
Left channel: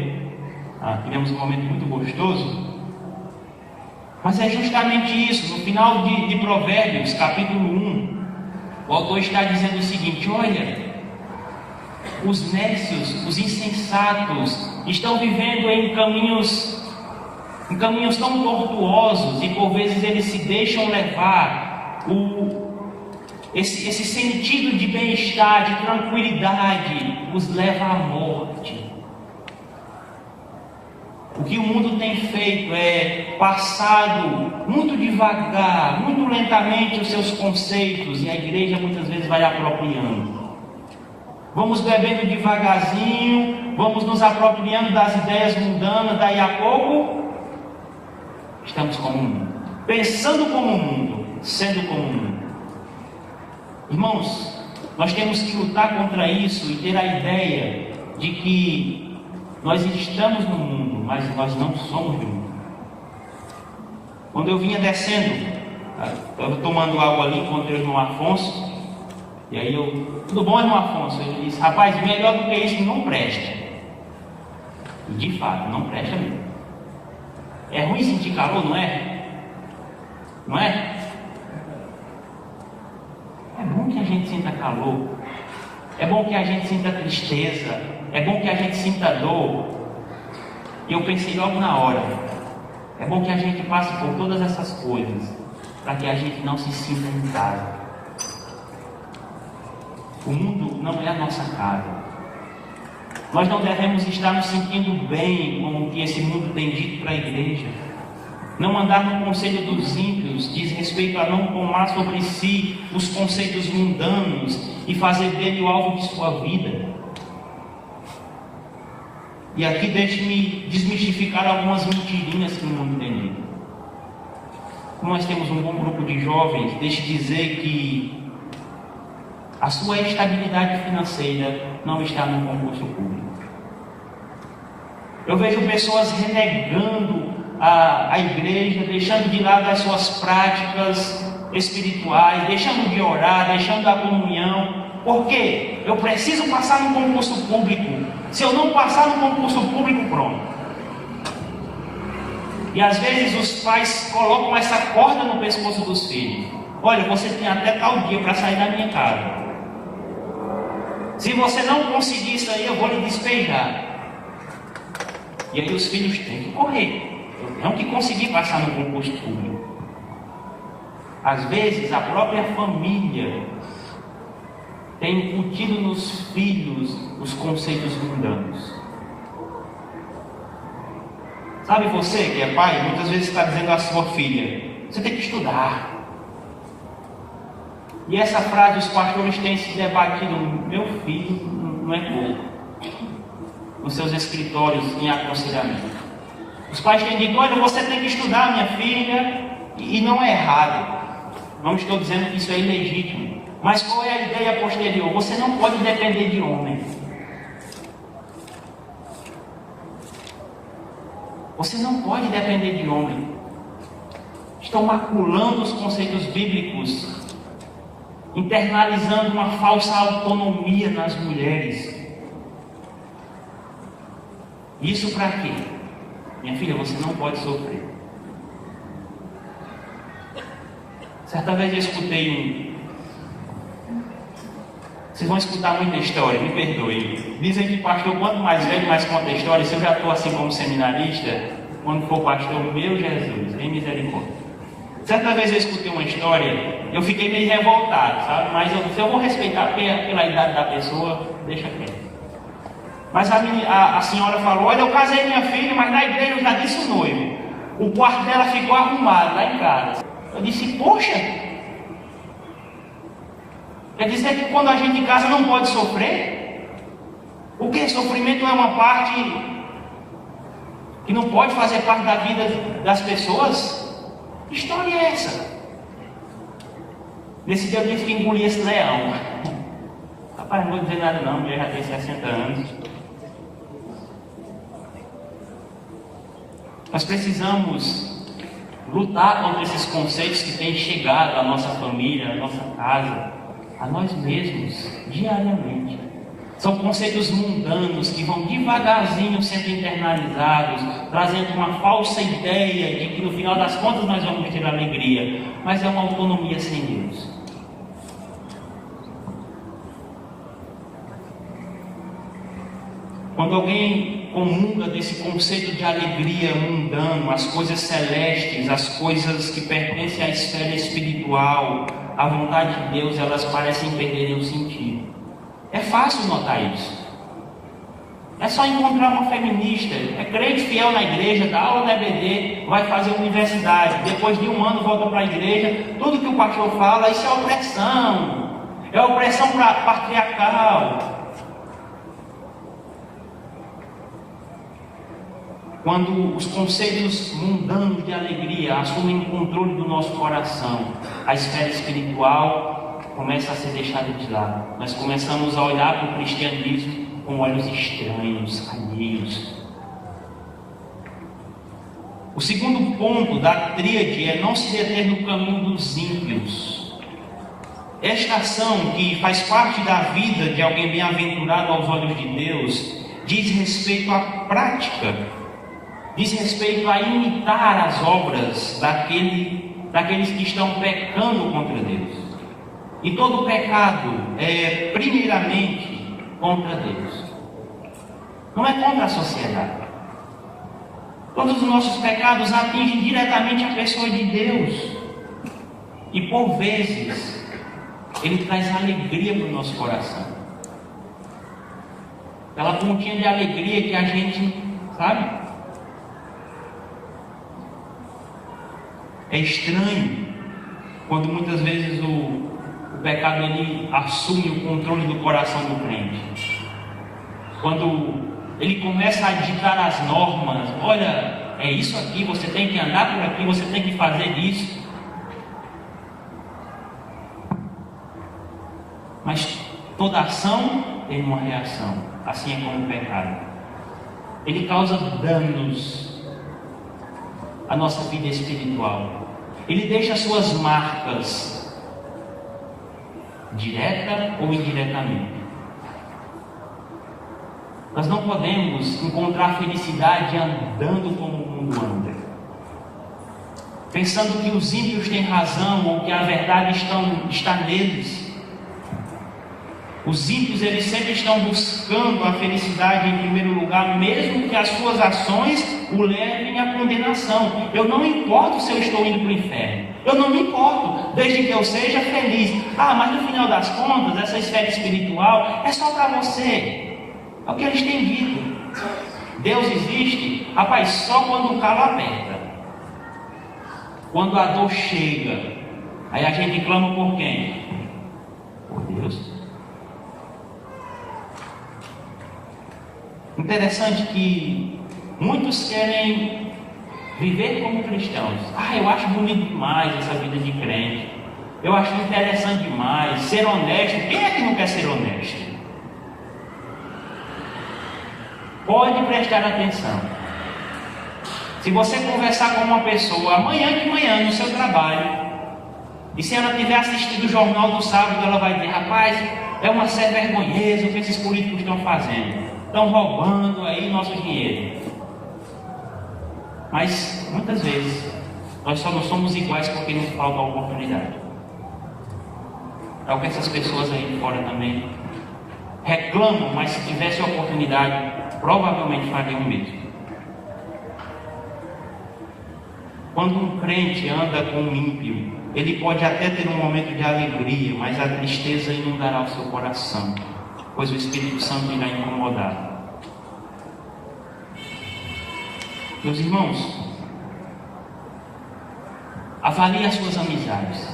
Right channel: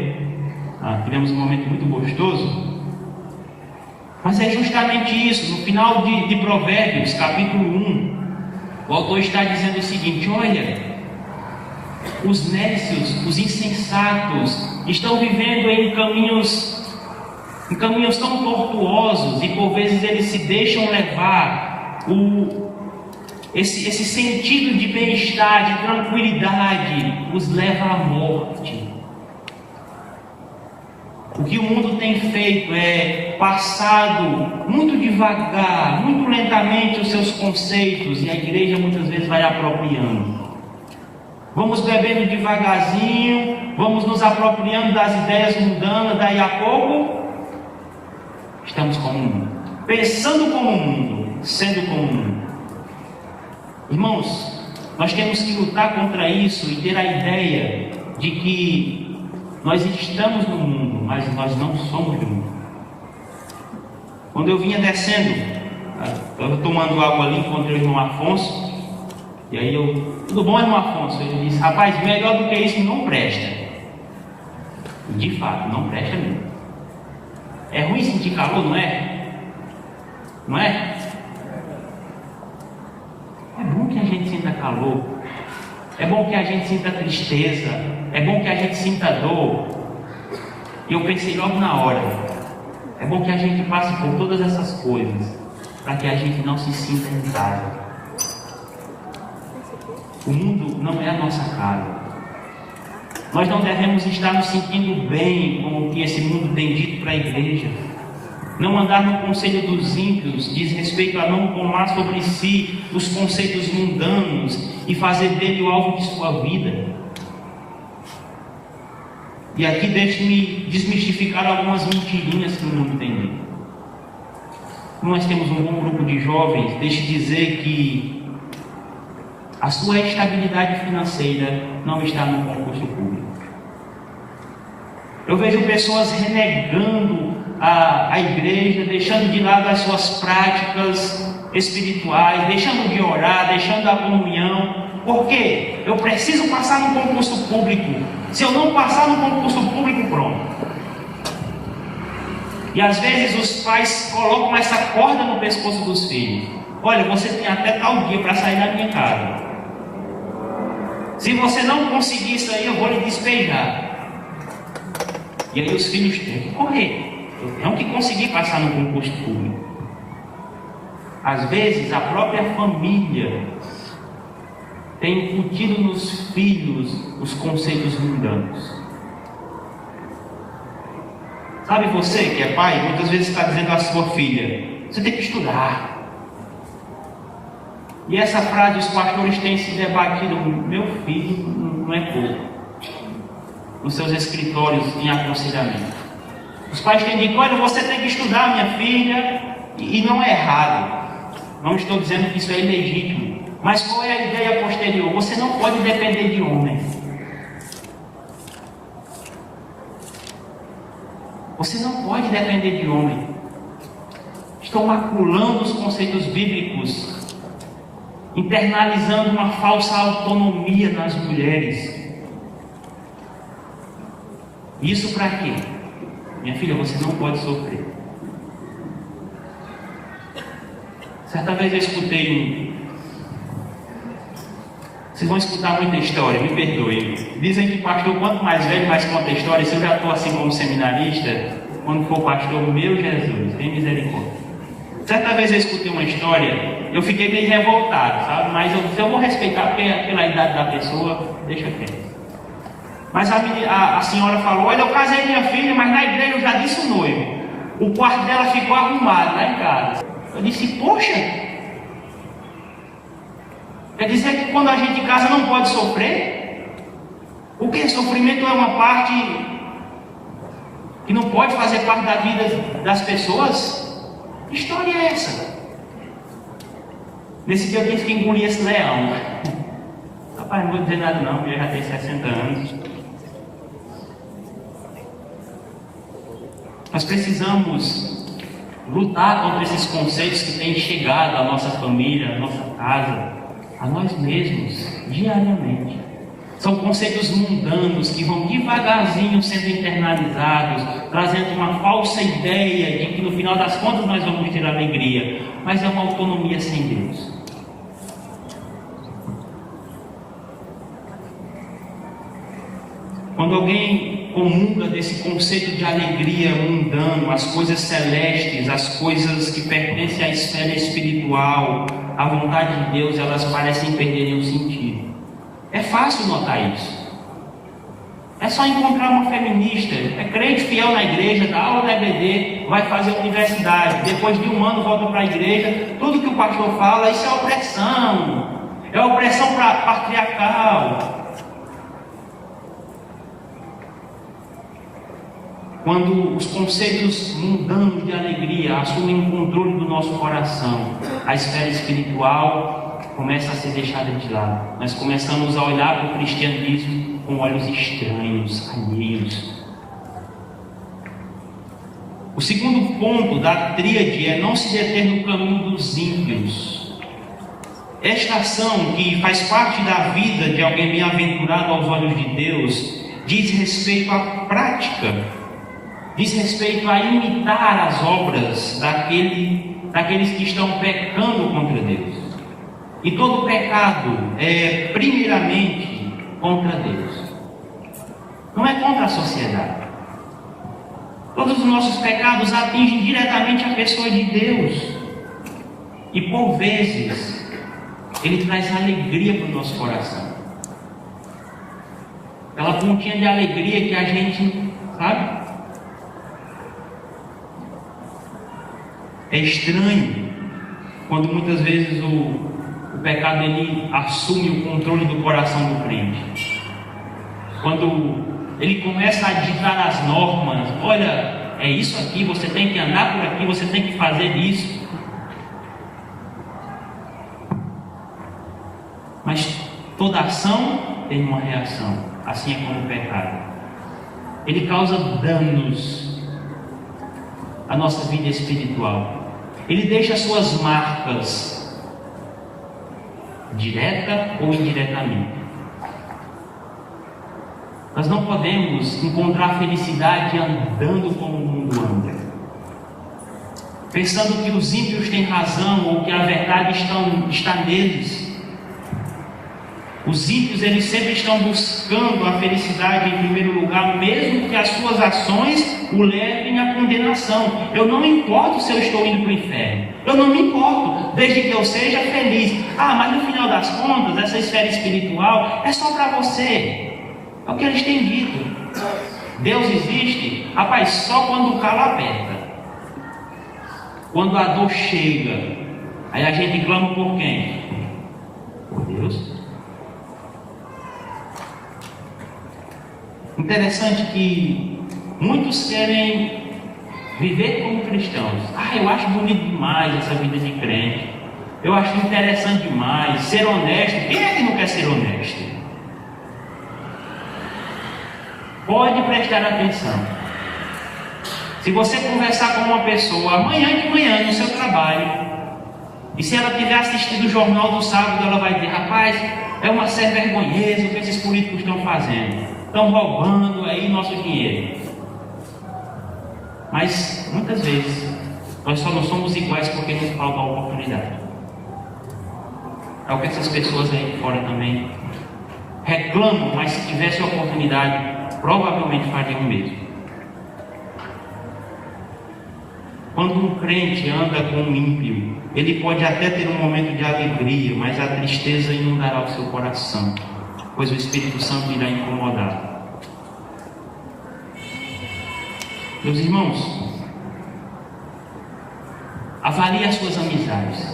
Tivemos um momento muito gostoso. Mas é justamente isso. No final de Provérbios, capítulo 1, o autor está dizendo o seguinte: olha, os nécios, os insensatos, estão vivendo em caminhos tão tortuosos, e por vezes eles se deixam levar. Esse sentido de bem-estar, de tranquilidade, os leva à morte. O que o mundo tem feito é passado muito devagar, muito lentamente os seus conceitos, e a igreja muitas vezes vai apropriando. Vamos bebendo devagarzinho, vamos nos apropriando das ideias mundanas, daí a pouco estamos como o mundo, pensando como o mundo, sendo como o mundo. Irmãos, nós temos que lutar contra isso e ter a ideia de que nós estamos no mundo, mas nós não somos do mundo. Quando eu vinha descendo, estava tomando água ali, encontrei o irmão Afonso, e aí tudo bom, irmão Afonso? Ele disse: rapaz, melhor do que isso não presta. E de fato, não presta mesmo. É ruim sentir calor, não é? Não é? É bom que a gente sinta calor. É bom que a gente sinta tristeza. É bom que a gente sinta dor. E eu pensei logo na hora: é bom que a gente passe por todas essas coisas, para que a gente não se sinta em casa. O mundo não é a nossa casa. Nós não devemos estar nos sentindo bem com o que esse mundo tem dito para a igreja. Não andar no conselho dos ímpios diz respeito a não tomar sobre si os conceitos mundanos e fazer dele o alvo de sua vida. E aqui deixe-me desmistificar algumas mentirinhas que o mundo tem dito. Nós temos um bom grupo de jovens, deixe dizer que a sua estabilidade financeira não está no concurso público. Eu vejo pessoas renegando a igreja, deixando de lado as suas práticas espirituais, deixando de orar, deixando a comunhão. Por quê? Eu preciso passar no concurso público. Se eu não passar no concurso público, pronto. E às vezes os pais colocam essa corda no pescoço dos filhos. Olha, você tem até tal dia para sair da minha casa. Se você não conseguir isso aí, eu vou lhe despejar. E aí os filhos têm que correr. Eu tenho que conseguir passar no concurso público. Às vezes a própria família tem incutido nos filhos os conceitos mundanos. Sabe, você que é pai, muitas vezes está dizendo à sua filha: você tem que estudar. E essa frase os pastores têm se debatido: meu filho não é pouco, nos seus escritórios em aconselhamento. Os pais têm dito: olha, você tem que estudar, minha filha, e não é errado. Não estou dizendo que isso é ilegítimo, mas qual é a ideia posterior? Você não pode depender de homem. Você não pode depender de homem. Estão maculando os conceitos bíblicos, internalizando uma falsa autonomia nas mulheres. Isso para quê? Minha filha, você não pode sofrer. Certa vez eu escutei Vocês vão escutar muita história, me perdoe. Dizem que pastor, quanto mais velho, mais conta história. Se eu já estou assim como seminarista, quando for pastor, meu Jesus, tem misericórdia. Certa vez eu escutei uma história, eu fiquei meio revoltado, sabe? Mas eu vou respeitar pela idade da pessoa, deixa quieto. Mas a senhora falou: olha, eu casei minha filha, mas na igreja eu já disse o noivo. O quarto dela ficou arrumado lá em casa. Eu disse: poxa, quer dizer que quando a gente casa não pode sofrer? O que? Sofrimento é uma parte que não pode fazer parte da vida das pessoas? Que história é essa? Nesse dia eu tive que engolir esse leão. Rapaz, não vou dizer nada não, eu já tenho 60 anos. Nós precisamos lutar contra esses conceitos que têm chegado à nossa família, à nossa casa. a nós mesmos, diariamente. São conceitos mundanos que vão devagarzinho sendo internalizados, trazendo uma falsa ideia de que no final das contas nós vamos ter alegria, mas é uma autonomia sem Deus. Quando alguém comunga desse conceito de alegria mundano, as coisas celestes, as coisas que pertencem à esfera espiritual, à vontade de Deus, elas parecem perderem o sentido. É fácil notar isso. É só encontrar uma feminista, é crente fiel na igreja, dá aula na EBD, vai fazer universidade, depois de um ano volta para a igreja, tudo que o pastor fala, isso é opressão patriarcal. Quando os conceitos mundanos de alegria assumem o controle do nosso coração, a esfera espiritual começa a ser deixada de lado. Nós começamos a olhar para o cristianismo com olhos estranhos, alheios. O segundo ponto da tríade é não se deter no caminho dos ímpios. Esta ação, que faz parte da vida de alguém bem-aventurado aos olhos de Deus, diz respeito à prática, diz respeito a imitar as obras daqueles que estão pecando contra Deus. E todo pecado é primeiramente contra Deus, não é contra a sociedade. Todos os nossos pecados atingem diretamente a pessoa de Deus, e por vezes Ele traz alegria para o nosso coração, aquela pontinha de alegria que a gente, sabe? É estranho quando muitas vezes o pecado ele assume o controle do coração do crente. Quando ele começa a ditar as normas, olha, é isso aqui, você tem que andar por aqui, você tem que fazer isso. Mas toda ação tem uma reação, assim é como o pecado. Ele causa danos à nossa vida espiritual. Ele deixa suas marcas, direta ou indiretamente. Nós não podemos encontrar felicidade andando como o mundo anda, pensando que os ímpios têm razão ou que a verdade está neles. Os ímpios, eles sempre estão buscando a felicidade em primeiro lugar, mesmo que as suas ações o levem à condenação. Eu não me importo se eu estou indo para o inferno, eu não me importo, desde que eu seja feliz. Mas no final das contas, essa esfera espiritual é só para você. É o que eles têm dito. Deus existe, rapaz, só quando o calo aperta, quando a dor chega, aí a gente clama por quem? Por Deus. Interessante que muitos querem viver como cristãos. Eu acho bonito demais essa vida de crente. Eu acho interessante demais ser honesto. Quem é que não quer ser honesto? Pode prestar atenção. Se você conversar com uma pessoa amanhã de manhã no seu trabalho, e se ela tiver assistido o jornal do sábado, ela vai dizer: rapaz, é uma sem vergonheza o que esses políticos estão fazendo. Estão roubando aí nosso dinheiro. Mas muitas vezes nós só não somos iguais porque nos falta a oportunidade. É o que essas pessoas aí de fora também reclamam, mas se tivesse a oportunidade, provavelmente fariam o mesmo. Quando um crente anda com um ímpio, ele pode até ter um momento de alegria, mas a tristeza inundará o seu coração, pois o Espírito Santo irá incomodar. Meus irmãos, avalie as suas amizades.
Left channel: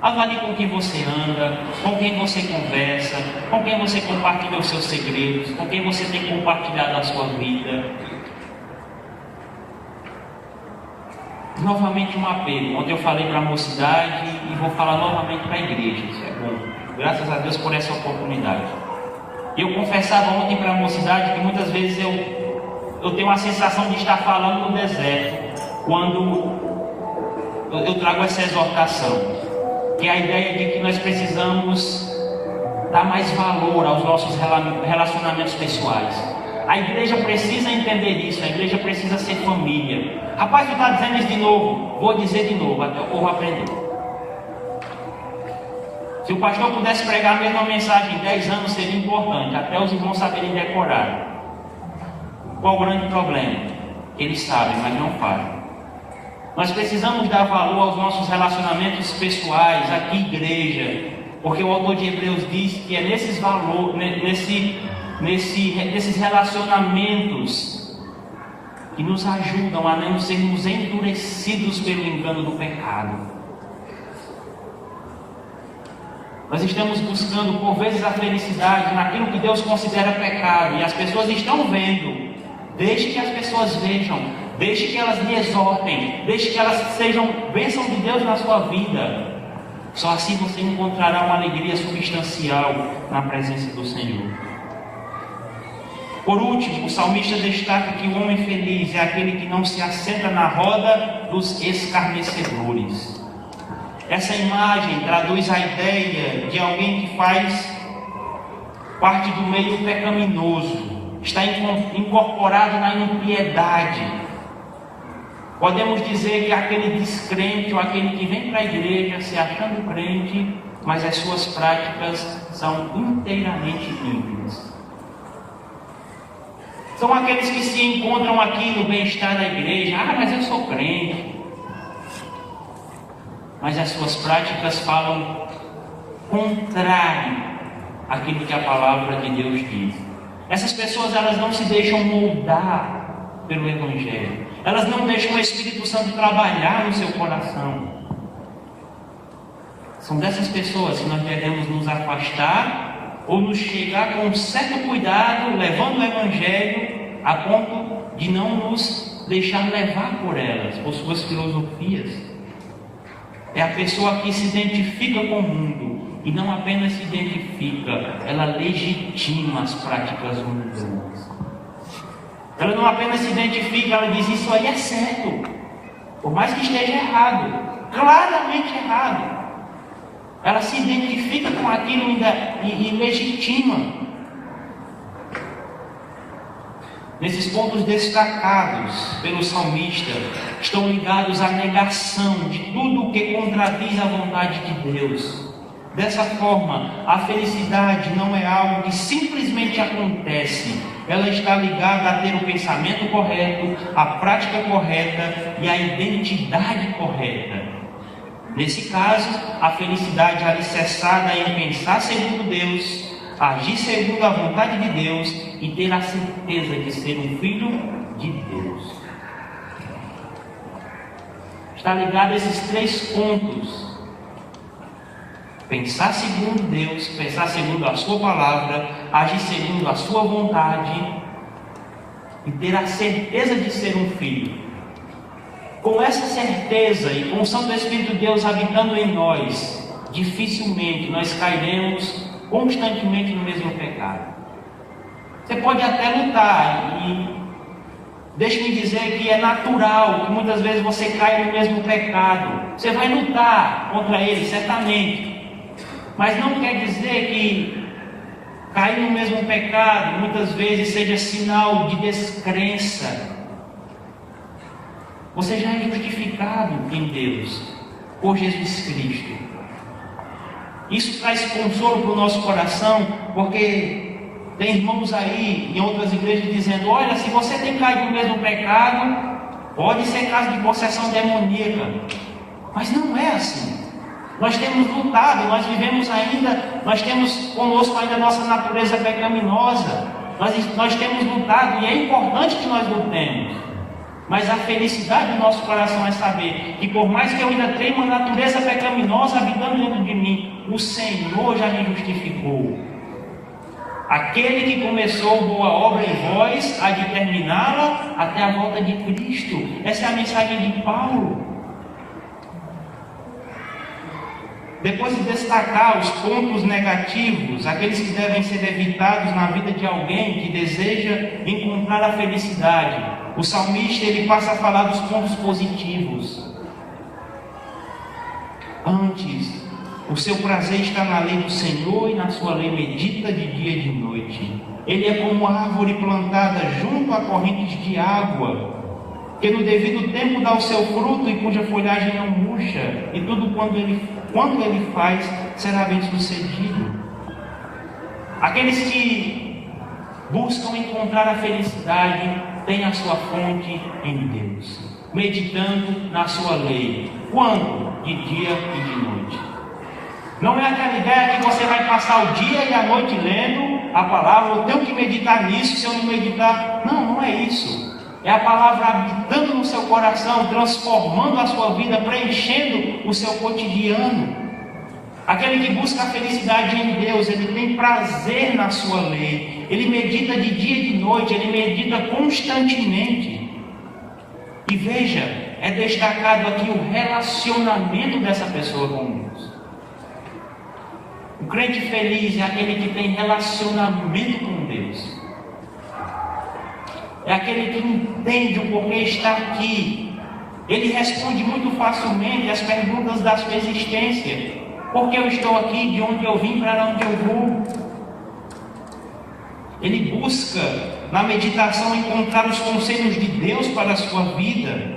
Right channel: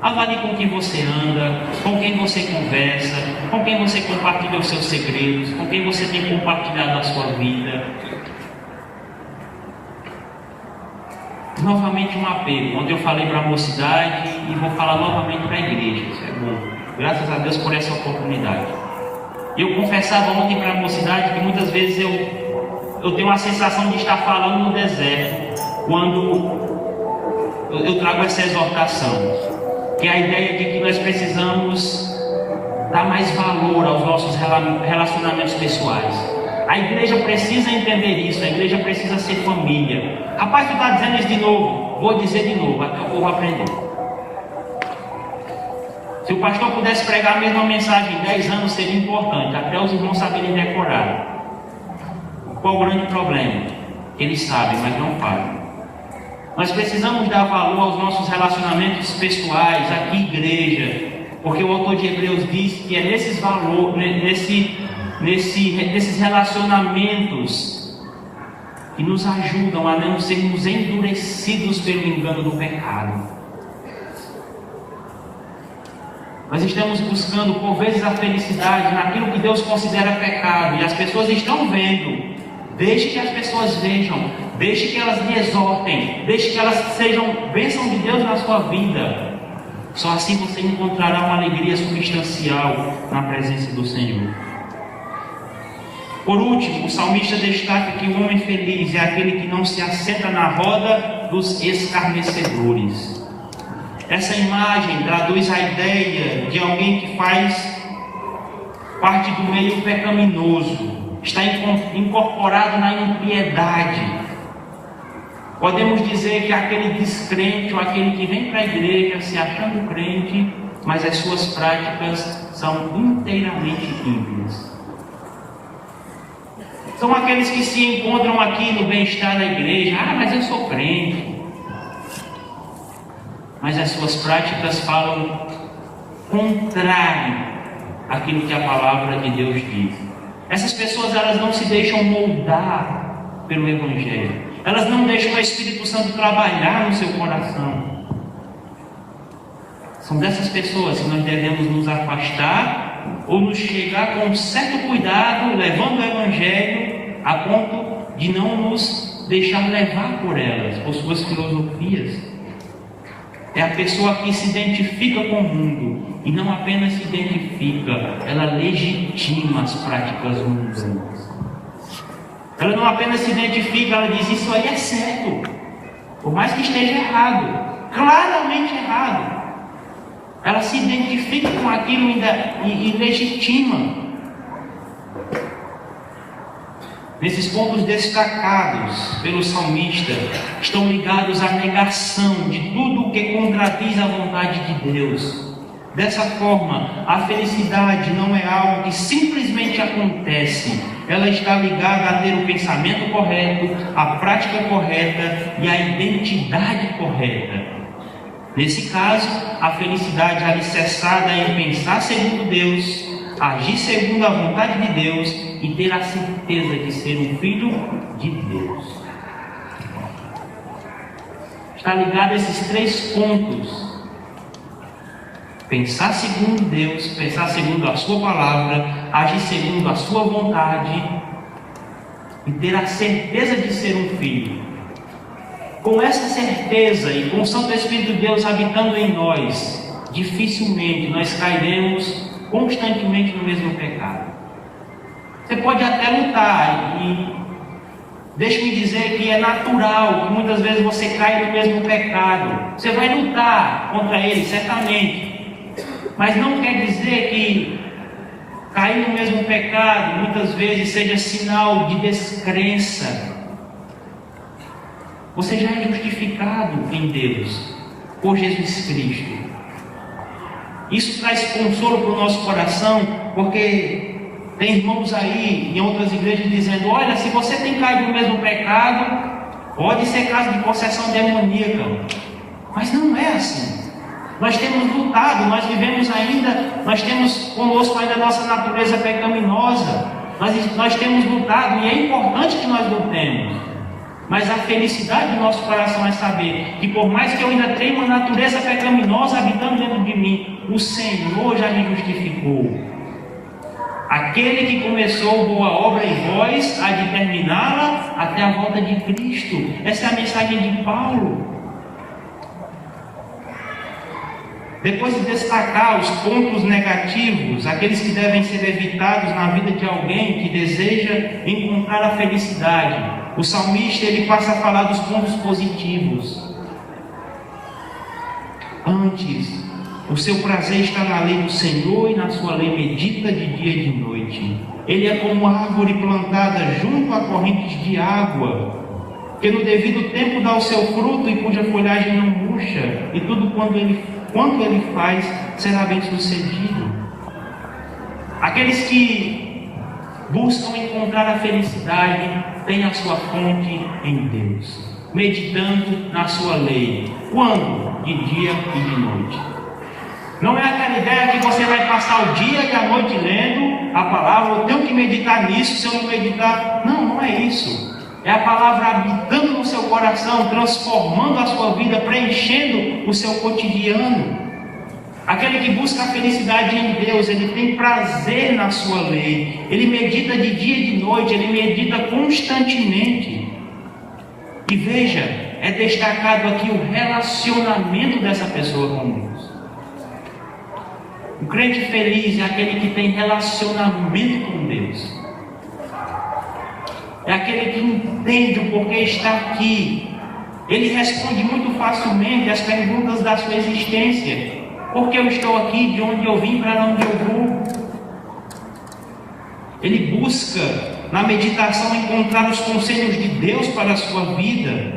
Avalie com quem você anda, com quem você conversa, com quem você compartilha os seus segredos, com quem você tem compartilhado a sua vida. Novamente um apelo, onde eu falei para a mocidade e vou falar novamente para a igreja. Isso é bom. Graças a Deus por essa oportunidade. Eu confessava ontem para a mocidade que muitas vezes eu tenho uma sensação de estar falando no deserto quando eu trago essa exortação. que é a ideia de que nós precisamos dar mais valor aos nossos relacionamentos pessoais. A igreja precisa entender isso, a igreja precisa ser família. Rapaz, tu está dizendo isso de novo? Vou dizer de novo, até o povo aprender. Se o pastor pudesse pregar a mesma mensagem em 10 anos, seria importante, até os irmãos saberem decorar. Qual o grande problema? Eles sabem, mas não fazem. Nós precisamos dar valor aos nossos relacionamentos pessoais, aqui igreja, porque o autor de Hebreus diz que é nesses valores, nesses relacionamentos que nos ajudam a não sermos endurecidos pelo engano do pecado. Nós estamos buscando por vezes a felicidade naquilo que Deus considera pecado, e as pessoas estão vendo. Deixe que as pessoas vejam, deixe que elas lhe exortem, deixe que elas sejam bênção de Deus na sua vida. Só assim você encontrará uma alegria substancial na presença do Senhor. Por último, o salmista destaca que o homem feliz é aquele que não se assenta na roda dos escarnecedores. Essa imagem traduz a ideia de alguém que faz parte do meio pecaminoso, está incorporado na impiedade. Podemos dizer que aquele descrente, ou aquele que vem para a igreja se achando crente, mas as suas práticas são inteiramente ímpias. São aqueles que se encontram aqui no bem-estar da igreja. Ah, mas eu sou crente. Mas as suas práticas falam contrário àquilo que a palavra de Deus diz. Essas pessoas, elas não se deixam moldar pelo Evangelho. Elas não deixam o Espírito Santo trabalhar no seu coração. São dessas pessoas que nós devemos nos afastar ou nos chegar com um certo cuidado, levando o Evangelho a ponto de não nos deixar levar por elas, por suas filosofias. É a pessoa que se identifica com o mundo. E não apenas se identifica, ela legitima as práticas mundanas. Ela não apenas se identifica, ela diz: isso aí é certo, por mais que esteja errado, claramente errado. Ela se identifica com aquilo e legitima. Nesses pontos destacados pelo salmista, estão ligados à negação de tudo o que contradiz a vontade de Deus. Dessa forma, a felicidade não é algo que simplesmente acontece. Ela está ligada a ter o pensamento correto, a prática correta e a identidade correta. Nesse caso, a felicidade é alicerçada em pensar segundo Deus, agir segundo a vontade de Deus e ter a certeza de ser um filho de Deus. Está ligado a esses 3 pontos. Pensar segundo Deus, pensar segundo a sua palavra, agir segundo a sua vontade e ter a certeza de ser um filho. Com essa certeza e com o Santo Espírito de Deus habitando em nós, dificilmente nós cairemos constantemente no mesmo pecado. Você pode até lutar, e deixe-me dizer que é natural que muitas vezes você caia no mesmo pecado. Você vai lutar contra ele, certamente. Mas não quer dizer que cair no mesmo pecado muitas vezes seja sinal de descrença. Você já é justificado em Deus, por Jesus Cristo. Isso traz consolo para o nosso coração, porque tem irmãos aí em outras igrejas dizendo: olha, se você tem caído no mesmo pecado, pode ser caso de possessão demoníaca. Mas não é assim. Nós temos lutado, nós vivemos ainda, nós temos conosco ainda a nossa natureza pecaminosa. Nós temos lutado, e é importante que nós lutemos. Mas a felicidade do nosso coração é saber que, por mais que eu ainda tenha uma natureza pecaminosa habitando dentro de mim, o Senhor já me justificou. Aquele que começou boa obra em vós, há de terminá-la até a volta de Cristo. Essa é a mensagem de Paulo. Depois de destacar os pontos negativos, aqueles que devem ser evitados na vida de alguém que deseja encontrar a felicidade, o salmista ele passa a falar dos pontos positivos. Antes, O seu prazer está na lei do Senhor e na sua lei medita de dia e de noite. Ele é como árvore plantada junto a correntes de água, que no devido tempo dá o seu fruto e cuja folhagem não murcha, e tudo quanto ele faz será bem sucedido. Aqueles que buscam encontrar a felicidade têm a sua fonte em Deus, meditando na sua lei. Quando? De dia e de noite. Não é aquela ideia que você vai passar o dia e a noite lendo a palavra, eu tenho que meditar nisso, se eu não meditar. Não, não é isso. É a palavra habitando no seu coração, transformando a sua vida, preenchendo o seu cotidiano. Aquele que busca a felicidade em Deus, ele tem prazer na sua lei, ele medita de dia e de noite, ele medita constantemente. E veja, é destacado aqui o relacionamento dessa pessoa com Deus. O crente feliz é aquele que tem relacionamento com Deus. É aquele que entende o porquê está aqui. Ele responde muito facilmente as perguntas da sua existência. Por que eu estou aqui? De onde eu vim? Para onde eu vou? Ele busca, na meditação, encontrar os conselhos de Deus para a sua vida,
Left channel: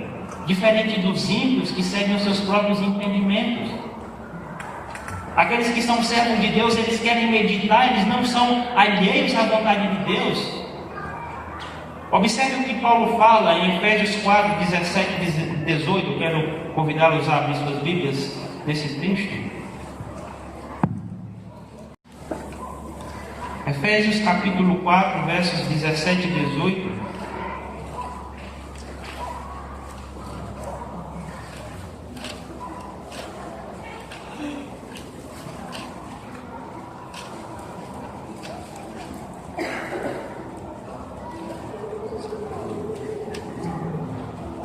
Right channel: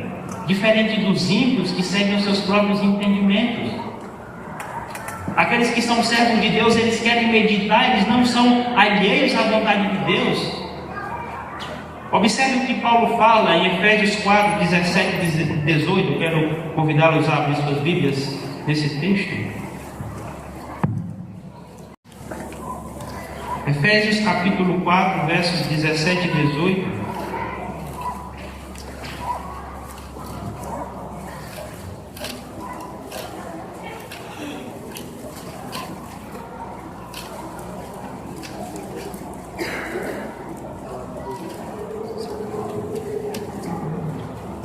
diferente dos ímpios que seguem os seus próprios entendimentos. Aqueles que são servos de Deus, eles querem meditar, eles não são alheios à vontade de Deus. Observe o que Paulo fala em Efésios 4, 17 e 18. Quero convidá-los a abrir suas Bíblias nesse texto. Efésios capítulo 4, versos 17 e 18.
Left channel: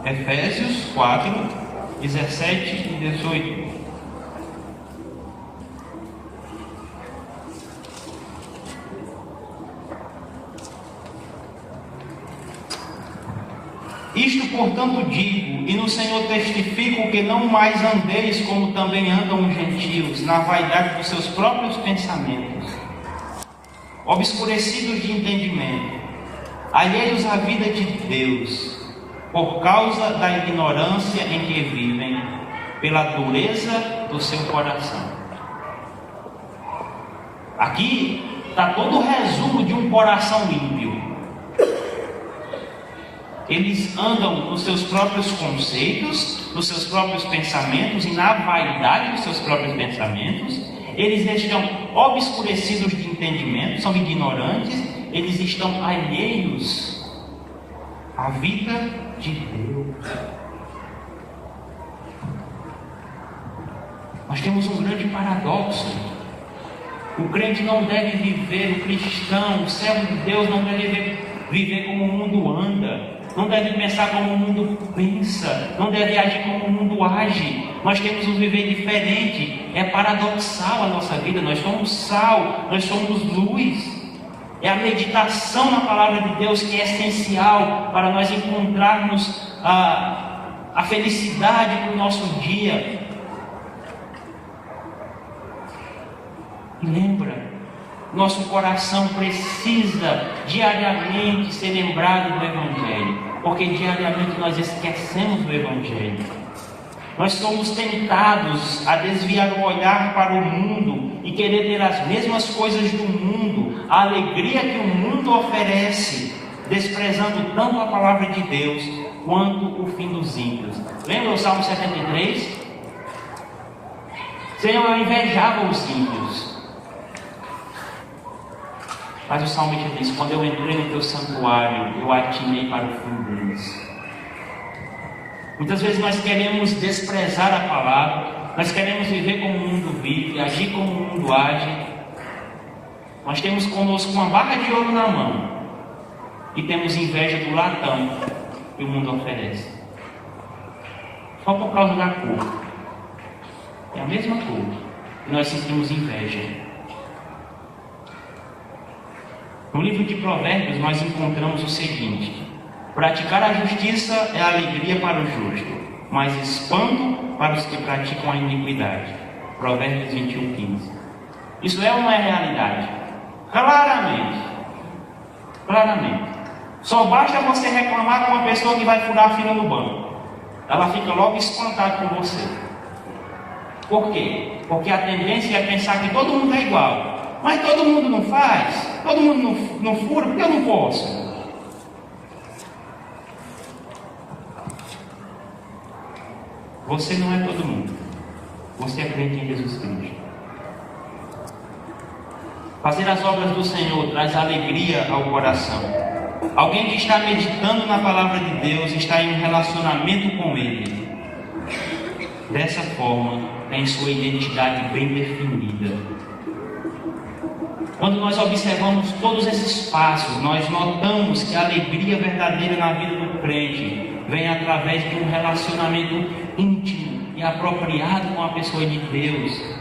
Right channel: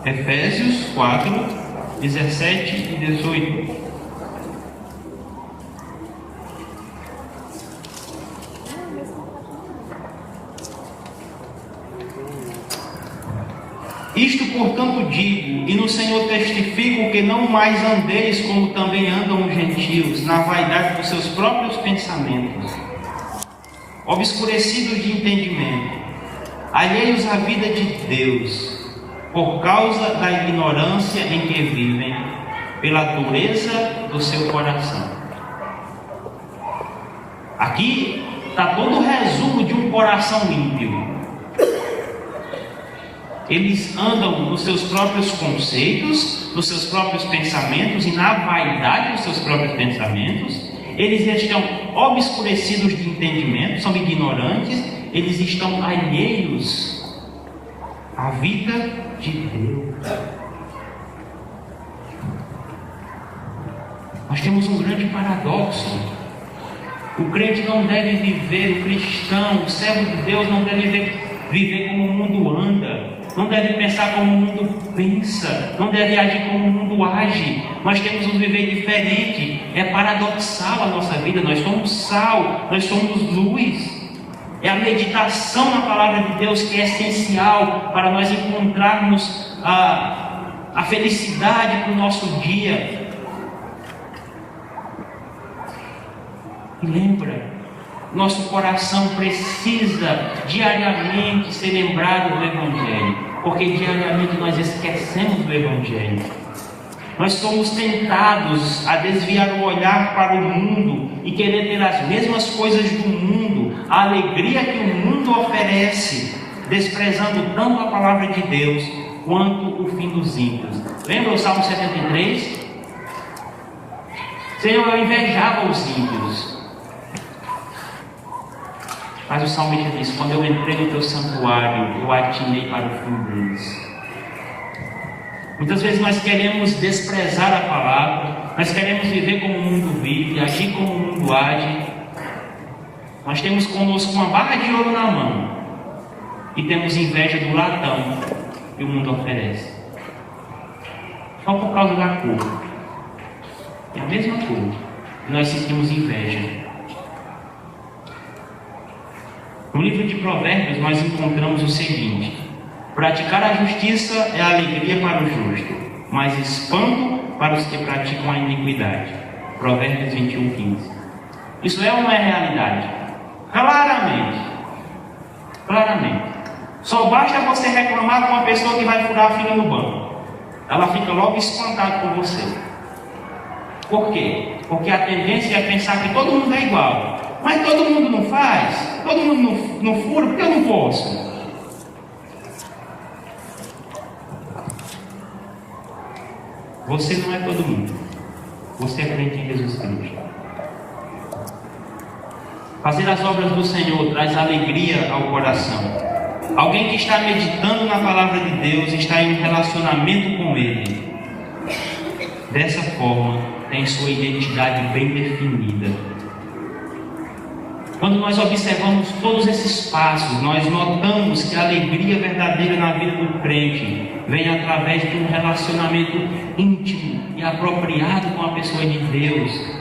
Efésios 4, 17 e 18. Isto, portanto, digo, e no Senhor testifico, que não mais andeis como também andam os gentios, na vaidade dos seus próprios pensamentos, obscurecidos de entendimento, alheios à vida de Deus, por causa da ignorância em que vivem, pela dureza do seu coração. Aqui está todo o resumo de um coração ímpio. Eles andam nos seus próprios conceitos, nos seus próprios pensamentos e na vaidade dos seus próprios pensamentos. Eles estão obscurecidos de entendimento, são ignorantes, eles estão alheios à vida de Deus. Nós temos um grande paradoxo. O crente não deve viver, o cristão, o servo de Deus não deve viver como o mundo anda, não deve pensar como o mundo pensa, não deve agir como o mundo age. Nós temos um viver diferente. É paradoxal a nossa vida. Nós somos sal, nós somos luz. É a meditação na palavra de Deus que é essencial para nós encontrarmos a felicidade para o nosso dia. Lembra, nosso coração precisa diariamente ser lembrado do Evangelho, porque diariamente nós esquecemos do Evangelho. Nós somos tentados a desviar o olhar para o mundo e querer ter as mesmas coisas do mundo, a alegria que o mundo oferece, desprezando tanto a palavra de Deus quanto o fim dos ímpios. Lembra o Salmo 73? Senhor, eu invejava os ímpios. Mas o salmista diz: quando eu entrei no teu santuário, eu atinei para o fim deles. Muitas vezes nós queremos desprezar a palavra, nós queremos viver como o mundo vive, agir como o mundo age. Nós temos conosco uma barra de ouro na mão e temos inveja do latão que o mundo oferece. Só por causa da cor. É a mesma cor e nós sentimos inveja. No livro de Provérbios nós encontramos o seguinte: praticar a justiça é alegria para o justo, mas espanto para os que praticam a iniquidade. Provérbios 21:15. Isso é uma realidade. Claramente. Só basta você reclamar com uma pessoa que vai furar a fila no banco. Ela fica logo espantada com você. Por quê? Porque a tendência é pensar que todo mundo é igual. Mas todo mundo não faz? Todo mundo não fura? Por que eu não posso? Você não é todo mundo. Você é crente em Jesus Cristo. Fazer as obras do Senhor traz alegria ao coração. Alguém que está meditando na palavra de Deus está em um relacionamento com Ele. Dessa forma, tem sua identidade bem definida. Quando nós observamos todos esses passos, nós notamos que a alegria verdadeira na vida do crente vem através de um relacionamento íntimo e apropriado com a pessoa de Deus.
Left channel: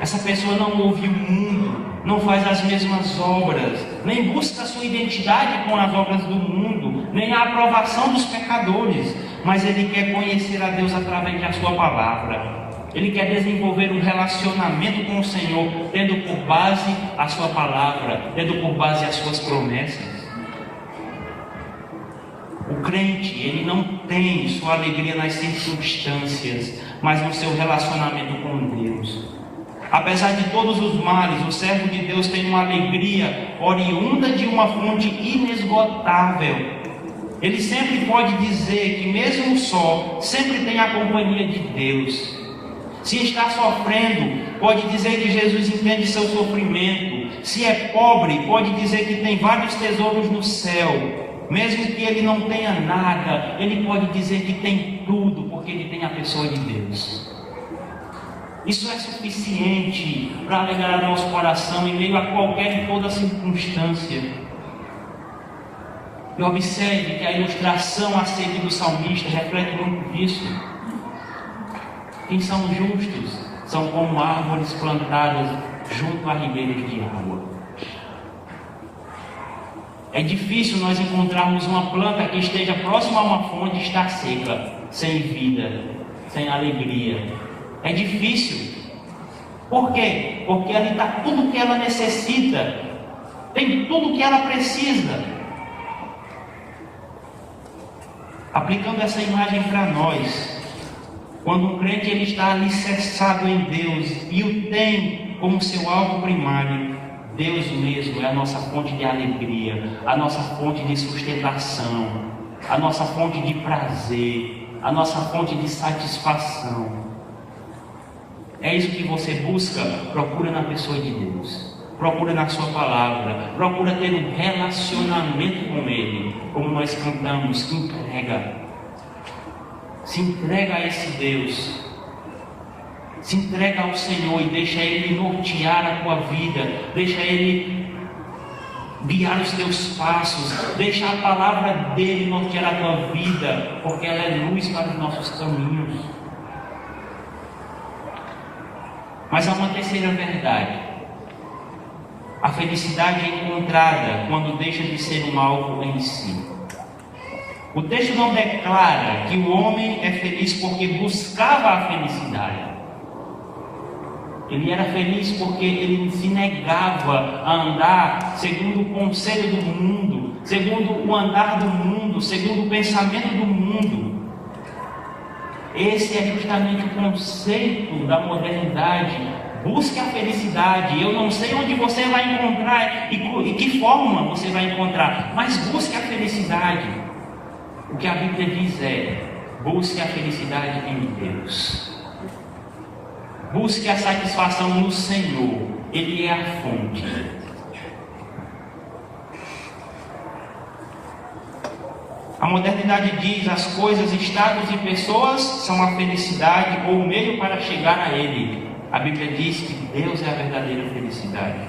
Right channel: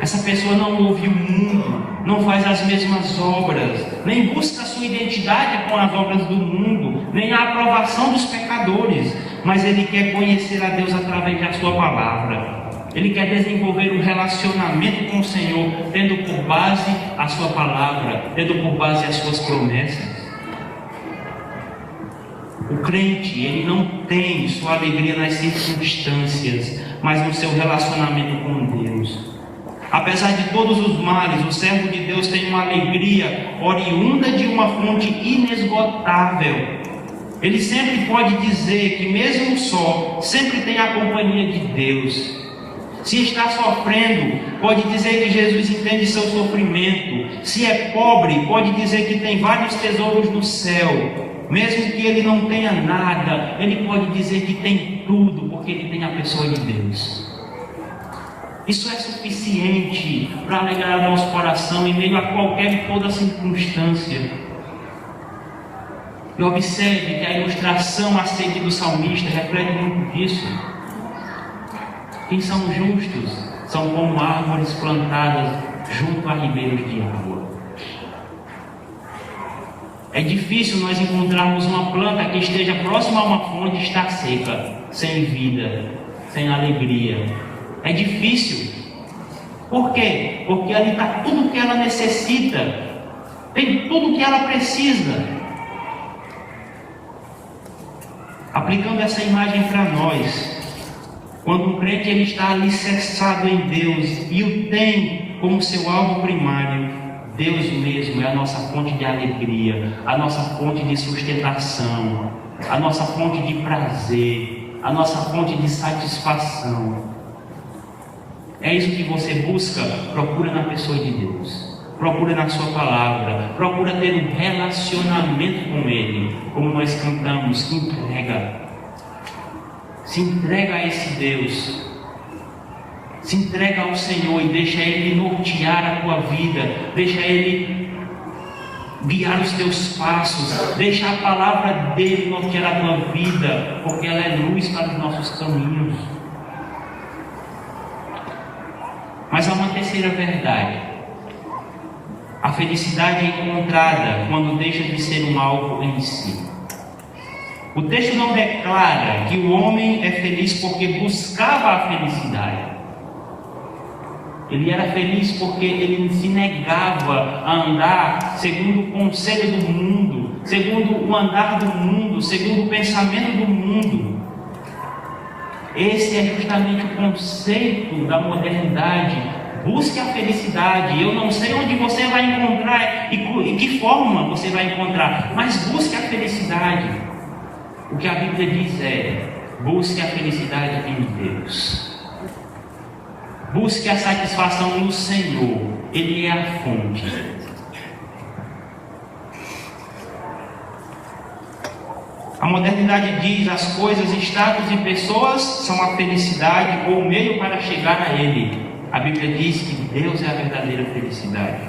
Essa pessoa não ouve o mundo, não faz as mesmas obras, nem busca a sua identidade com as obras do mundo, nem a aprovação dos pecadores, mas ele quer conhecer a Deus através da sua palavra. Ele quer desenvolver um relacionamento com o Senhor, tendo por base a sua palavra, tendo por base as suas promessas. O crente, ele não tem sua alegria nas circunstâncias, mas no seu relacionamento com Deus. Apesar de todos os males, o servo de Deus tem uma alegria oriunda de uma fonte inesgotável. Ele sempre pode dizer que mesmo só, sempre tem a companhia de Deus. Se está sofrendo, pode dizer que Jesus entende seu sofrimento. Se é pobre, pode dizer que tem vários tesouros no céu. Mesmo que ele não tenha nada, ele pode dizer que tem tudo, porque ele tem a pessoa de Deus. Isso é suficiente para alegrar o nosso coração em meio a qualquer e toda circunstância. E observe que a ilustração a seguir do salmista reflete muito disso. Quem são justos são como árvores plantadas junto a ribeiros de água. É difícil nós encontrarmos uma planta que esteja próxima a uma fonte e está seca, sem vida, sem alegria. É difícil. Por quê? Porque ali está tudo o que ela necessita. Tem tudo o que ela precisa. Aplicando essa imagem para nós, quando um crente ele está alicerçado em Deus e o tem como seu alvo primário, Deus mesmo é a nossa fonte de alegria, a nossa fonte de sustentação, a nossa fonte de prazer, a nossa fonte de satisfação. É isso que você busca? Procura na pessoa de Deus, procura na sua palavra, procura ter um relacionamento com Ele, como nós cantamos, se entrega a esse Deus, se entrega ao Senhor e deixa Ele nortear a tua vida, deixa Ele guiar os teus passos, deixa a palavra dele nortear a tua vida, porque ela é luz para os nossos caminhos. Mas há uma terceira verdade. A felicidade é encontrada quando deixa de ser um alvo em si. O texto não declara que o homem é feliz porque buscava a felicidade. Ele era feliz porque ele se negava a andar segundo o conselho do mundo, segundo o andar do mundo, segundo o pensamento do mundo. Esse é justamente o conceito da modernidade. Busque a felicidade. Eu não sei onde você vai encontrar e que forma você vai encontrar, mas busque a felicidade. O que a Bíblia diz é: busque a felicidade em Deus. Busque a satisfação no Senhor. Ele é a fonte. A modernidade diz: as coisas, estados e pessoas são a felicidade ou o meio para chegar a Ele. A Bíblia diz que Deus é a verdadeira felicidade.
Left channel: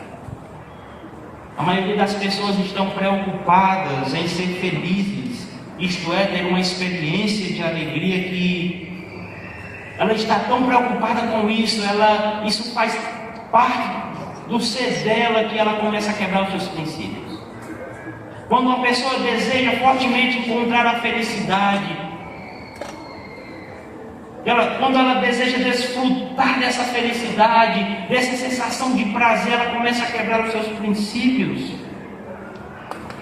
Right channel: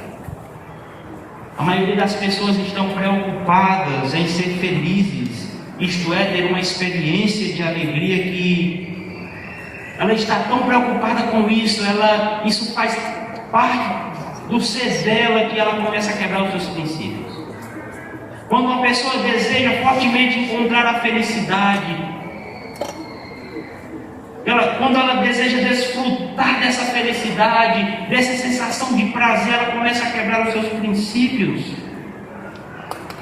A maioria das pessoas estão preocupadas em ser felizes, isto é, ter uma experiência de alegria que ela está tão preocupada com isso, isso faz parte do ser dela que ela começa a quebrar os seus princípios. Quando uma pessoa deseja fortemente encontrar a felicidade, quando ela deseja desfrutar dessa felicidade, dessa sensação de prazer, ela começa a quebrar os seus princípios.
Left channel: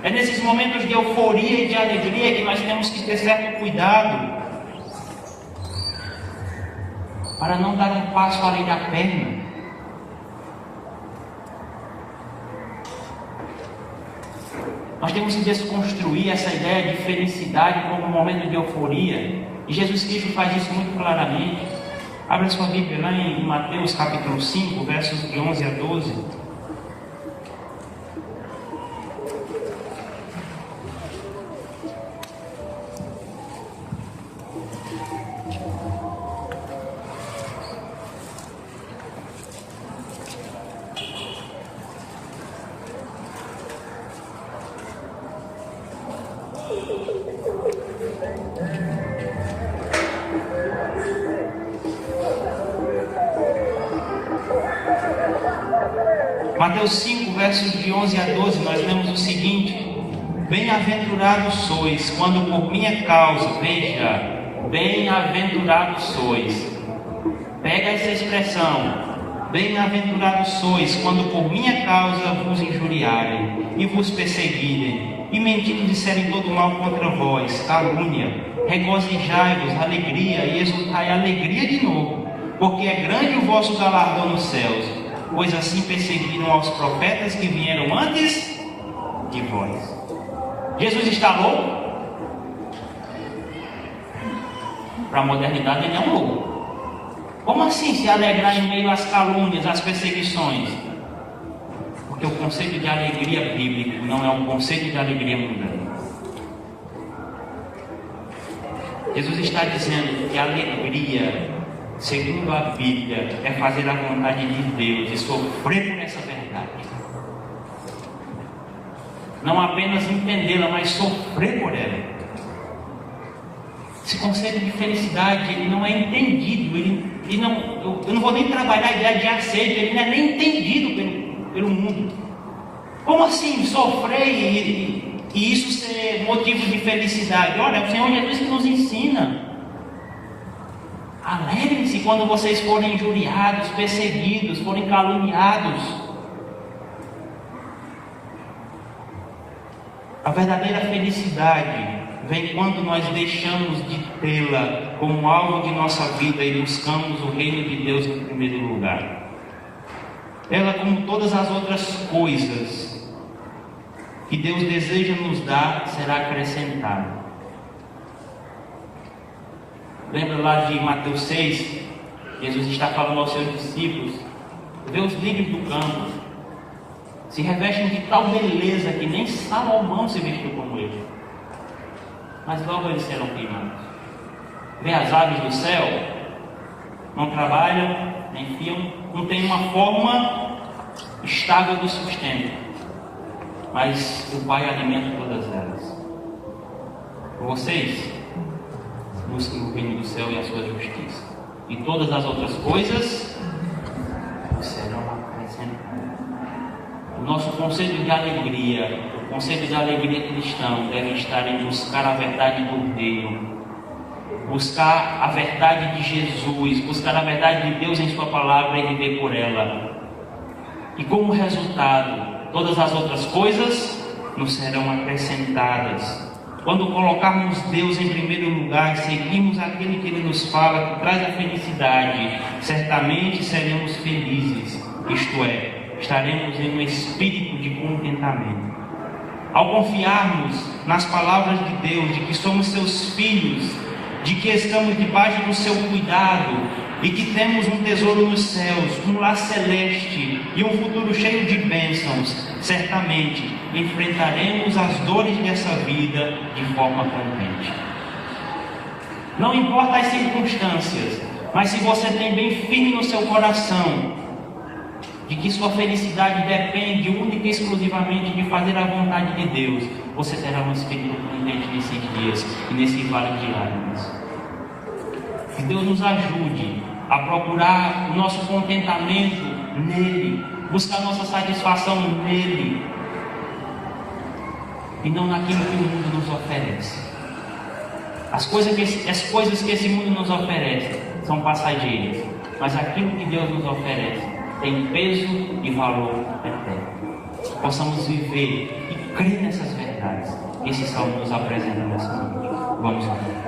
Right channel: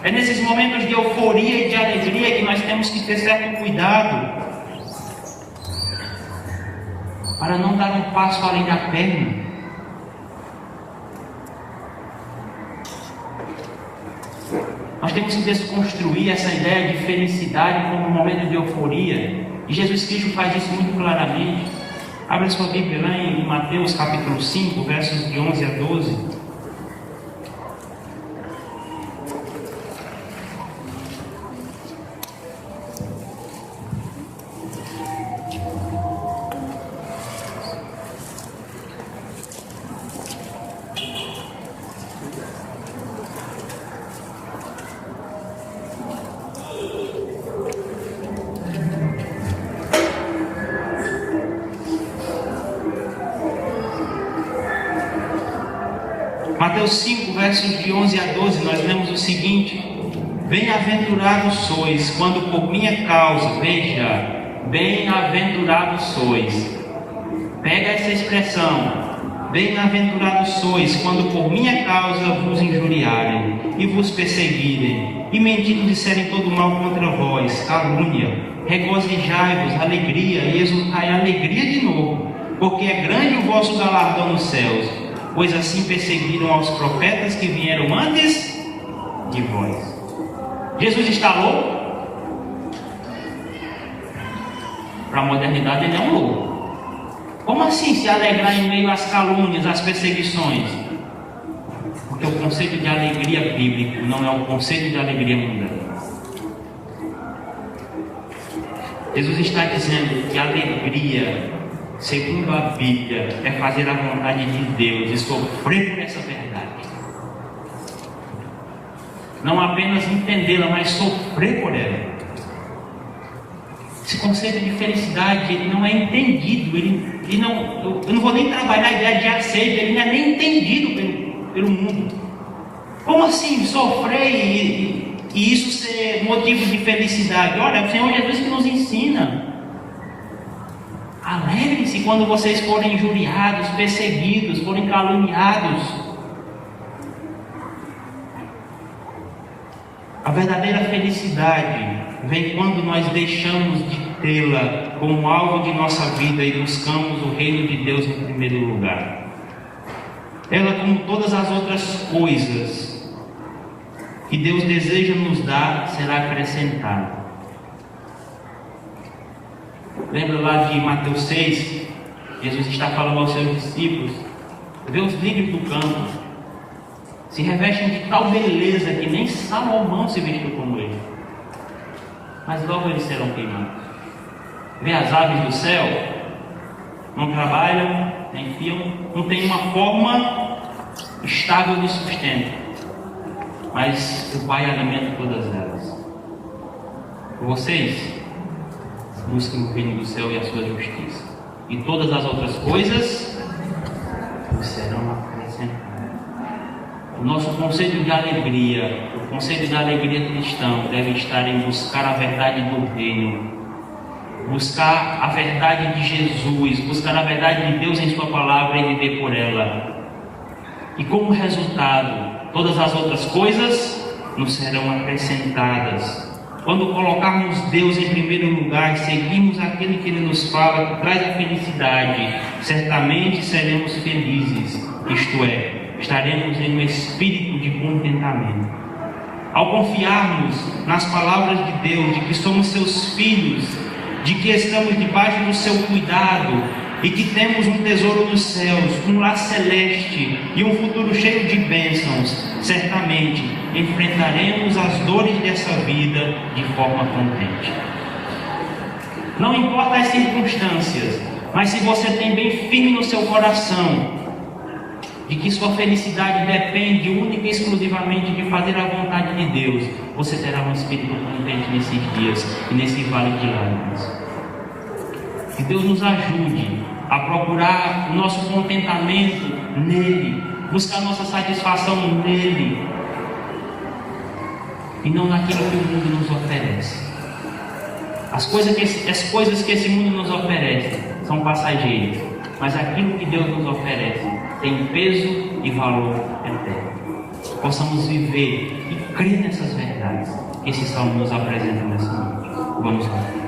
É nesses momentos de euforia e de alegria que nós temos que ter certo cuidado para não dar um passo além da perna. Nós temos que desconstruir essa ideia de felicidade como um momento de euforia. E Jesus Cristo faz isso muito claramente. Abra sua Bíblia lá em Mateus capítulo 5, versos de 11 a 12. Mateus 5, versos de 11 a 12, nós lemos o seguinte: Bem-aventurados sois, quando por minha causa, veja, bem-aventurados sois. Pega essa expressão, bem-aventurados sois, quando por minha causa vos injuriarem, e vos perseguirem, e mentindo disserem todo mal contra vós, calúnia, regozijai-vos, alegria, e exultai alegria de novo, porque é grande o vosso galardão nos céus. Pois assim perseguiram aos profetas que vieram antes de vós. Jesus está louco? Para a modernidade ele é um louco. Como assim se alegrar em meio às calúnias, às perseguições? Porque o conceito de alegria bíblico não é um conceito de alegria mundana. Jesus está dizendo que a alegria, segundo a Bíblia, é fazer a vontade de Deus e sofrer por essa verdade. Não apenas entendê-la, mas sofrer por ela. Esse conceito de felicidade, ele não é entendido. Eu não vou nem trabalhar a ideia de aceito, ele não é nem entendido pelo mundo. Como assim sofrer e isso ser motivo de felicidade? Olha, o Senhor Jesus que nos ensina. Alegrem-se quando vocês forem injuriados, perseguidos, forem caluniados. A verdadeira felicidade vem quando nós deixamos de tê-la como alvo de nossa vida e buscamos o reino de Deus em primeiro lugar. Ela, como todas as outras coisas que Deus deseja nos dar, será acrescentada. Lembra lá de Mateus 6? Jesus está falando aos seus discípulos: vê os lírios do campo, se revestem de tal beleza que nem Salomão se vestiu como ele, mas logo eles serão queimados. Vê as aves do céu, não trabalham, nem fiam, não tem uma forma estável de sustento, mas o Pai alimenta todas elas. Vocês busquem o reino do céu e a sua justiça, e todas as outras coisas vos serão acrescentadas. O nosso conceito de alegria, o conceito de alegria cristão, deve estar em buscar a verdade do reino, buscar a verdade de Jesus, buscar a verdade de Deus em sua palavra e viver por ela. E como resultado, todas as outras coisas nos serão acrescentadas. Quando colocarmos Deus em primeiro lugar, seguimos aquele que Ele nos fala, que traz a felicidade, certamente seremos felizes, isto é, estaremos em um espírito de contentamento. Ao confiarmos nas palavras de Deus, de que somos seus filhos, de que estamos debaixo do seu cuidado e que temos um tesouro nos céus, um lar celeste e um futuro cheio de bênçãos, certamente enfrentaremos as dores dessa vida de forma contente. Não importa as circunstâncias, mas se você tem bem firme no seu coração de que sua felicidade depende única e exclusivamente de fazer a vontade de Deus, você terá um espírito contente nesses dias e nesse vale de lágrimas. Que Deus nos ajude a procurar o nosso contentamento nele, buscar nossa satisfação nele e não naquilo que o mundo nos oferece. As coisas que esse mundo nos oferece são passageiras. mas aquilo que Deus nos oferece tem peso e valor eterno. Possamos viver e crer nessas verdades que esse salmo nos apresenta nessa noite. Vamos lá.